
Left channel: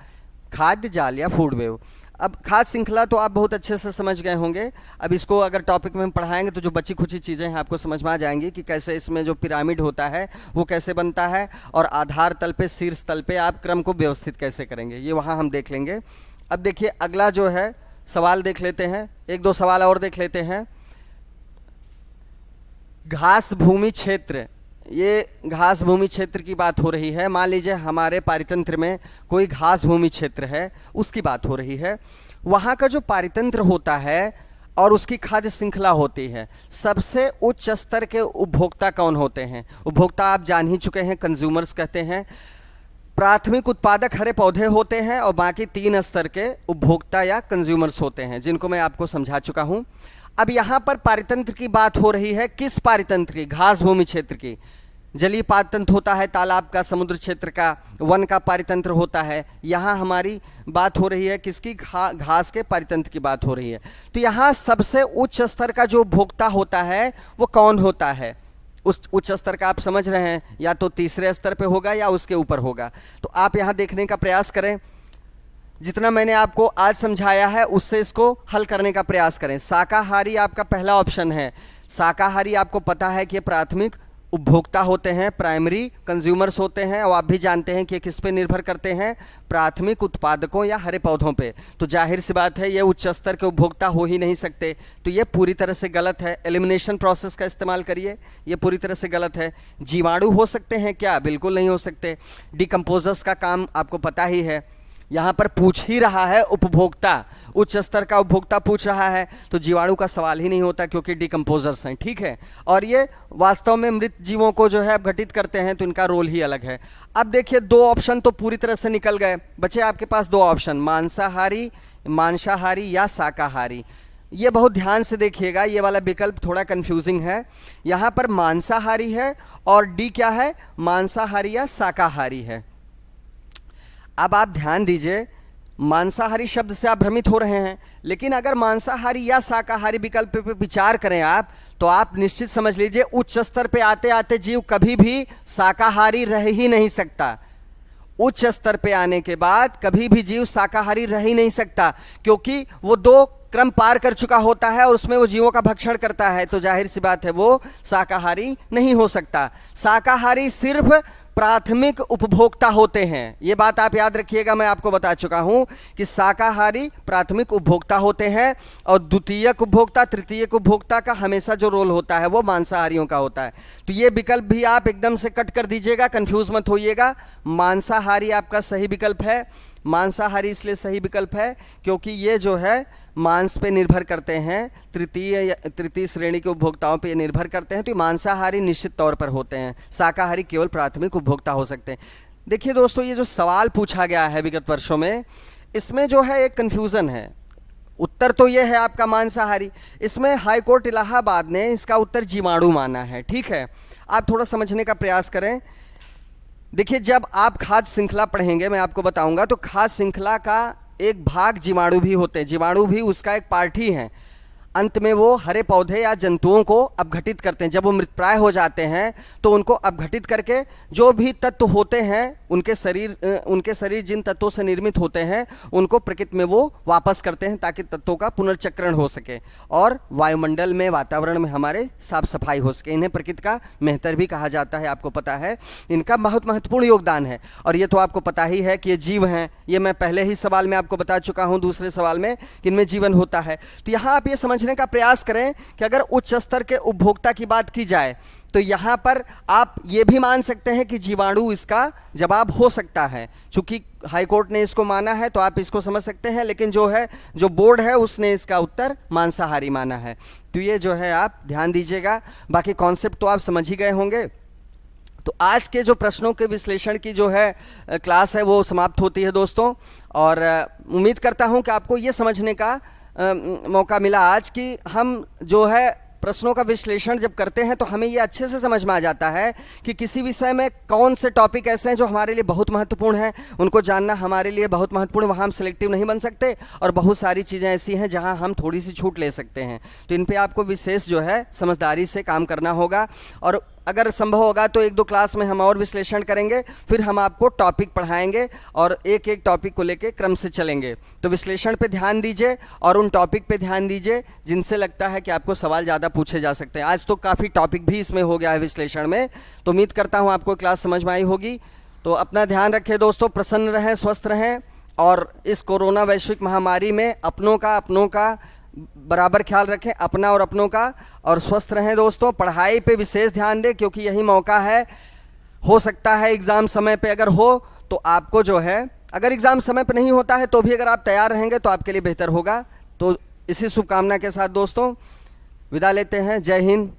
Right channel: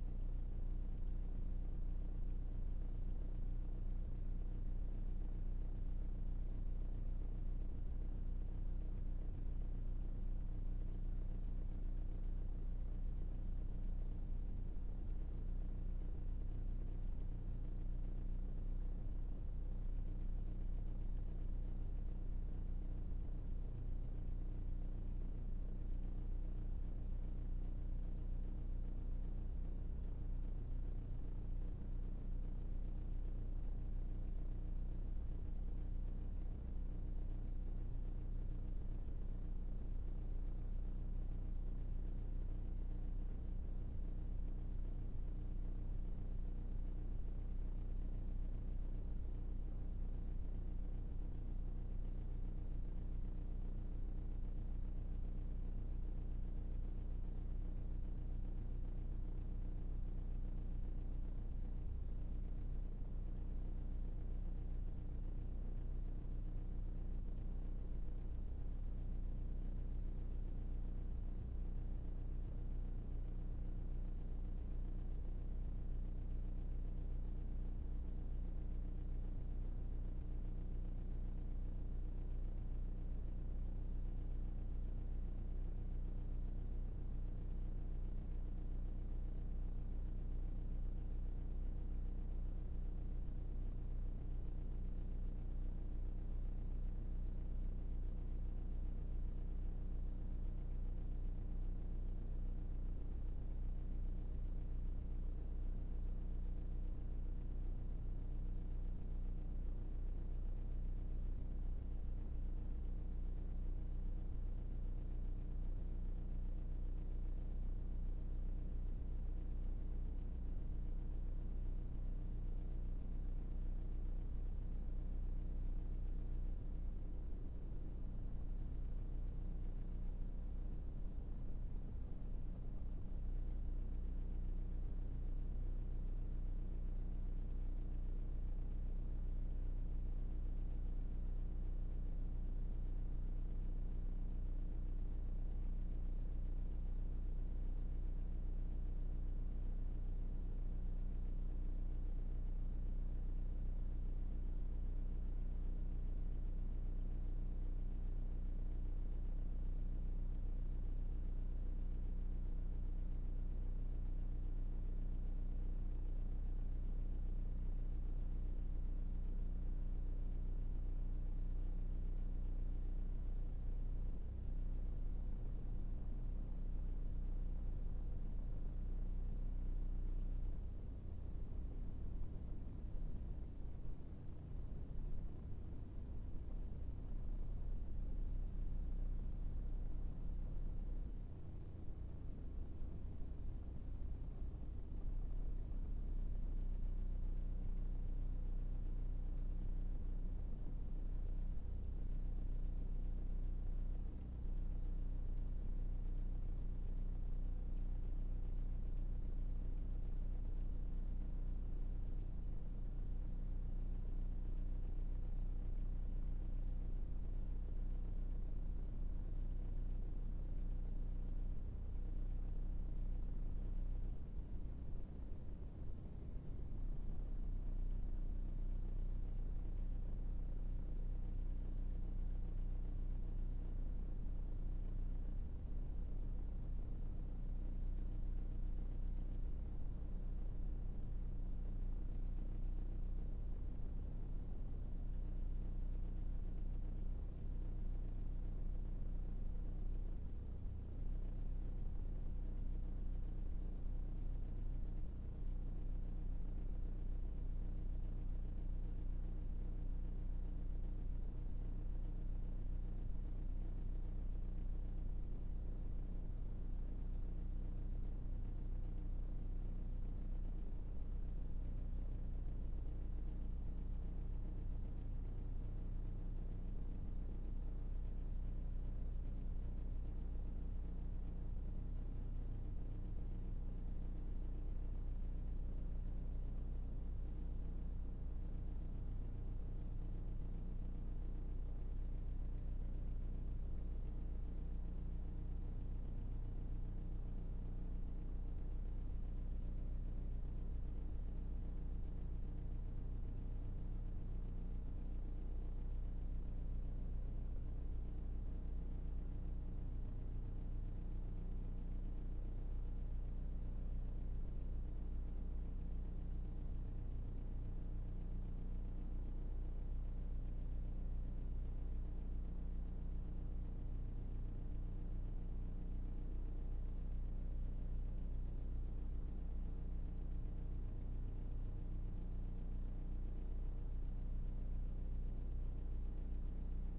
खाद्य जाल या फूड वेव। अब खाद्य श्रृंखला तो आप बहुत अच्छे से समझ गए होंगे। अब इसको अगर टॉपिक में हम पढ़ाएंगे तो जो बची खुची चीज़ें हैं आपको समझ में आ जाएंगी कि कैसे इसमें जो पिरामिड होता है वो कैसे बनता है, और आधार तल पे, शीर्ष तल पे आप क्रम को व्यवस्थित कैसे करेंगे, ये वहाँ हम देख लेंगे। अब देखिए अगला जो है सवाल देख लेते हैं, एक दो सवाल और देख लेते हैं। घास भूमि क्षेत्र, ये घास भूमि क्षेत्र की बात हो रही है। मान लीजिए हमारे पारितंत्र में कोई घास भूमि क्षेत्र है, उसकी बात हो रही है। वहाँ का जो पारितंत्र होता है और उसकी खाद्य श्रृंखला होती है, सबसे उच्च स्तर के उपभोक्ता कौन होते हैं? उपभोक्ता आप जान ही चुके हैं, कंज्यूमर्स कहते हैं। प्राथमिक उत्पादक हरे पौधे होते हैं और बाकी 3 स्तर के उपभोक्ता या कंज्यूमर्स होते हैं, जिनको मैं आपको समझा चुका हूँ। अब यहाँ पर पारितंत्र की बात हो रही है, किस पारितंत्र की? घास भूमि क्षेत्र की। जलीय पारितंत्र होता है तालाब का, समुद्र क्षेत्र का, वन का पारितंत्र होता है। यहाँ हमारी बात हो रही है किसकी? घास के पारितंत्र की बात हो रही है। तो यहाँ सबसे उच्च स्तर का जो उपभोक्ता होता है वो कौन होता है? उस उच्च स्तर का आप समझ रहे हैं, या तो तीसरे स्तर पे होगा या उसके ऊपर होगा। तो आप यहाँ देखने का प्रयास करें, जितना मैंने आपको आज समझाया है उससे इसको हल करने का प्रयास करें। शाकाहारी आपका पहला ऑप्शन है। शाकाहारी आपको पता है कि प्राथमिक उपभोक्ता होते हैं, प्राइमरी कंज्यूमर्स होते हैं, और आप भी जानते हैं कि किस पे निर्भर करते हैं, प्राथमिक उत्पादकों या हरे पौधों पे। तो जाहिर सी बात है ये उच्च स्तर के उपभोक्ता हो ही नहीं सकते, तो ये पूरी तरह से गलत है। एलिमिनेशन प्रोसेस का इस्तेमाल करिए, ये पूरी तरह से गलत है। जीवाणु हो सकते हैं क्या? बिल्कुल नहीं हो सकते। डिकम्पोजर्स का काम आपको पता ही है। यहाँ पर पूछ ही रहा है उपभोक्ता, उच्च स्तर का उपभोक्ता पूछ रहा है, तो जीवाणु का सवाल ही नहीं होता क्योंकि डिकम्पोजर्स हैं, ठीक है। और ये वास्तव में मृत जीवों को जो है अपघटित करते हैं, तो इनका रोल ही अलग है। अब देखिए 2 ऑप्शन तो पूरी तरह से निकल गए, बचे आपके पास 2 ऑप्शन, मांसाहारी या शाकाहारी। ये बहुत ध्यान से देखिएगा, ये वाला विकल्प थोड़ा कंफ्यूजिंग है। यहाँ पर मांसाहारी है और डी क्या है? मांसाहारी या शाकाहारी है। अब आप ध्यान दीजिए, मांसाहारी शब्द से आप भ्रमित हो रहे हैं, लेकिन अगर मांसाहारी या शाकाहारी विकल्प पे विचार करें आप, तो आप निश्चित समझ लीजिए उच्च स्तर पे आते आते जीव कभी भी शाकाहारी रह ही नहीं सकता। उच्च स्तर पे आने के बाद कभी भी जीव शाकाहारी रह ही नहीं सकता, क्योंकि वो दो क्रम पार कर चुका होता है और उसमें वो जीवों का भक्षण करता है, तो जाहिर सी बात है वो शाकाहारी नहीं हो सकता। शाकाहारी सिर्फ प्राथमिक उपभोक्ता होते हैं, ये बात आप याद रखिएगा। मैं आपको बता चुका हूं कि शाकाहारी प्राथमिक उपभोक्ता होते हैं और द्वितीयक उपभोक्ता, तृतीयक उपभोक्ता का हमेशा जो रोल होता है वो मांसाहारियों का होता है। तो ये विकल्प भी आप एकदम से कट कर दीजिएगा, कंफ्यूज मत होइएगा। मांसाहारी आपका सही विकल्प है। मांसाहारी इसलिए सही विकल्प है क्योंकि ये जो है मांस पे निर्भर करते हैं, तृतीय श्रेणी के उपभोक्ताओं पे निर्भर करते हैं, तो ये मांसाहारी निश्चित तौर पर होते हैं। शाकाहारी केवल प्राथमिक उपभोक्ता हो सकते हैं। देखिए दोस्तों, ये जो सवाल पूछा गया है विगत वर्षों में, इसमें जो है एक कन्फ्यूज़न है। उत्तर तो ये है आपका मांसाहारी, इसमें हाईकोर्ट इलाहाबाद ने इसका उत्तर जीवाणु माना है। ठीक है, आप थोड़ा समझने का प्रयास करें। देखिए, जब आप खाद्य श्रृंखला पढ़ेंगे मैं आपको बताऊंगा, तो खाद्य श्रृंखला का एक भाग जीवाणु भी होते हैं। जीवाणु भी उसका एक पार्ट ही है। अंत में वो हरे पौधे या जंतुओं को अपघटित करते हैं। जब वो मृतप्राय हो जाते हैं तो उनको अपघटित करके जो भी तत्व होते हैं उनके शरीर जिन तत्वों से निर्मित होते हैं उनको प्रकृति में वो वापस करते हैं, ताकि तत्वों का पुनर्चक्रण हो सके और वायुमंडल में, वातावरण में हमारे साफ सफाई हो सके। इन्हें प्रकृति का मेहतर भी कहा जाता है, आपको पता है। इनका बहुत महत्वपूर्ण योगदान है और ये तो आपको पता ही है कि ये जीव हैं। ये मैं पहले ही सवाल में आपको बता चुका हूँ, दूसरे सवाल में, कि इनमें जीवन होता है। तो यहाँ आप ये समझ का प्रयास करें कि अगर उच्च स्तर के उपभोक्ता की बात की जाए तो यहां पर आप ये भी मान सकते हैं कि जीवाणु इसका जवाब हो सकता है। चूंकि हाईकोर्ट ने इसको माना है तो आप इसको समझ सकते हैं, लेकिन जो बोर्ड है उसने इसका उत्तर मांसाहारी माना है। तो ये जो है आप ध्यान दीजिएगा। बाकी कॉन्सेप्ट तो आप समझ ही गए होंगे। तो आज के जो प्रश्नों के विश्लेषण की जो है क्लास है वो समाप्त होती है दोस्तों, और उम्मीद करता हूं कि आपको ये समझने का मौका मिला आज कि हम जो है प्रश्नों का विश्लेषण जब करते हैं तो हमें ये अच्छे से समझ में आ जाता है कि किसी विषय में कौन से टॉपिक ऐसे हैं जो हमारे लिए बहुत महत्वपूर्ण हैं। उनको जानना हमारे लिए बहुत महत्वपूर्ण, वहाँ हम सिलेक्टिव नहीं बन सकते, और बहुत सारी चीज़ें ऐसी हैं जहाँ हम थोड़ी सी छूट ले सकते हैं। तो इन पर आपको विशेष जो है समझदारी से काम करना होगा, और अगर संभव होगा तो एक दो क्लास में हम और विश्लेषण करेंगे, फिर हम आपको टॉपिक पढ़ाएंगे और एक एक टॉपिक को लेके क्रम से चलेंगे। तो विश्लेषण पे ध्यान दीजिए और उन टॉपिक पे ध्यान दीजिए जिनसे लगता है कि आपको सवाल ज़्यादा पूछे जा सकते हैं। आज तो काफ़ी टॉपिक भी इसमें हो गया है विश्लेषण में, तो उम्मीद करता हूँ आपको क्लास समझ में आई होगी। तो अपना ध्यान रखें दोस्तों, प्रसन्न रहें, स्वस्थ रहें, और इस कोरोना वैश्विक महामारी में अपनों का बराबर ख्याल रखें, अपना और अपनों का, और स्वस्थ रहें दोस्तों। पढ़ाई पे विशेष ध्यान दें क्योंकि यही मौका है। हो सकता है एग्ज़ाम समय पे अगर हो तो आपको जो है, अगर एग्ज़ाम समय पे नहीं होता है तो भी अगर आप तैयार रहेंगे तो आपके लिए बेहतर होगा। तो इसी शुभकामना के साथ दोस्तों विदा लेते हैं। जय हिंद,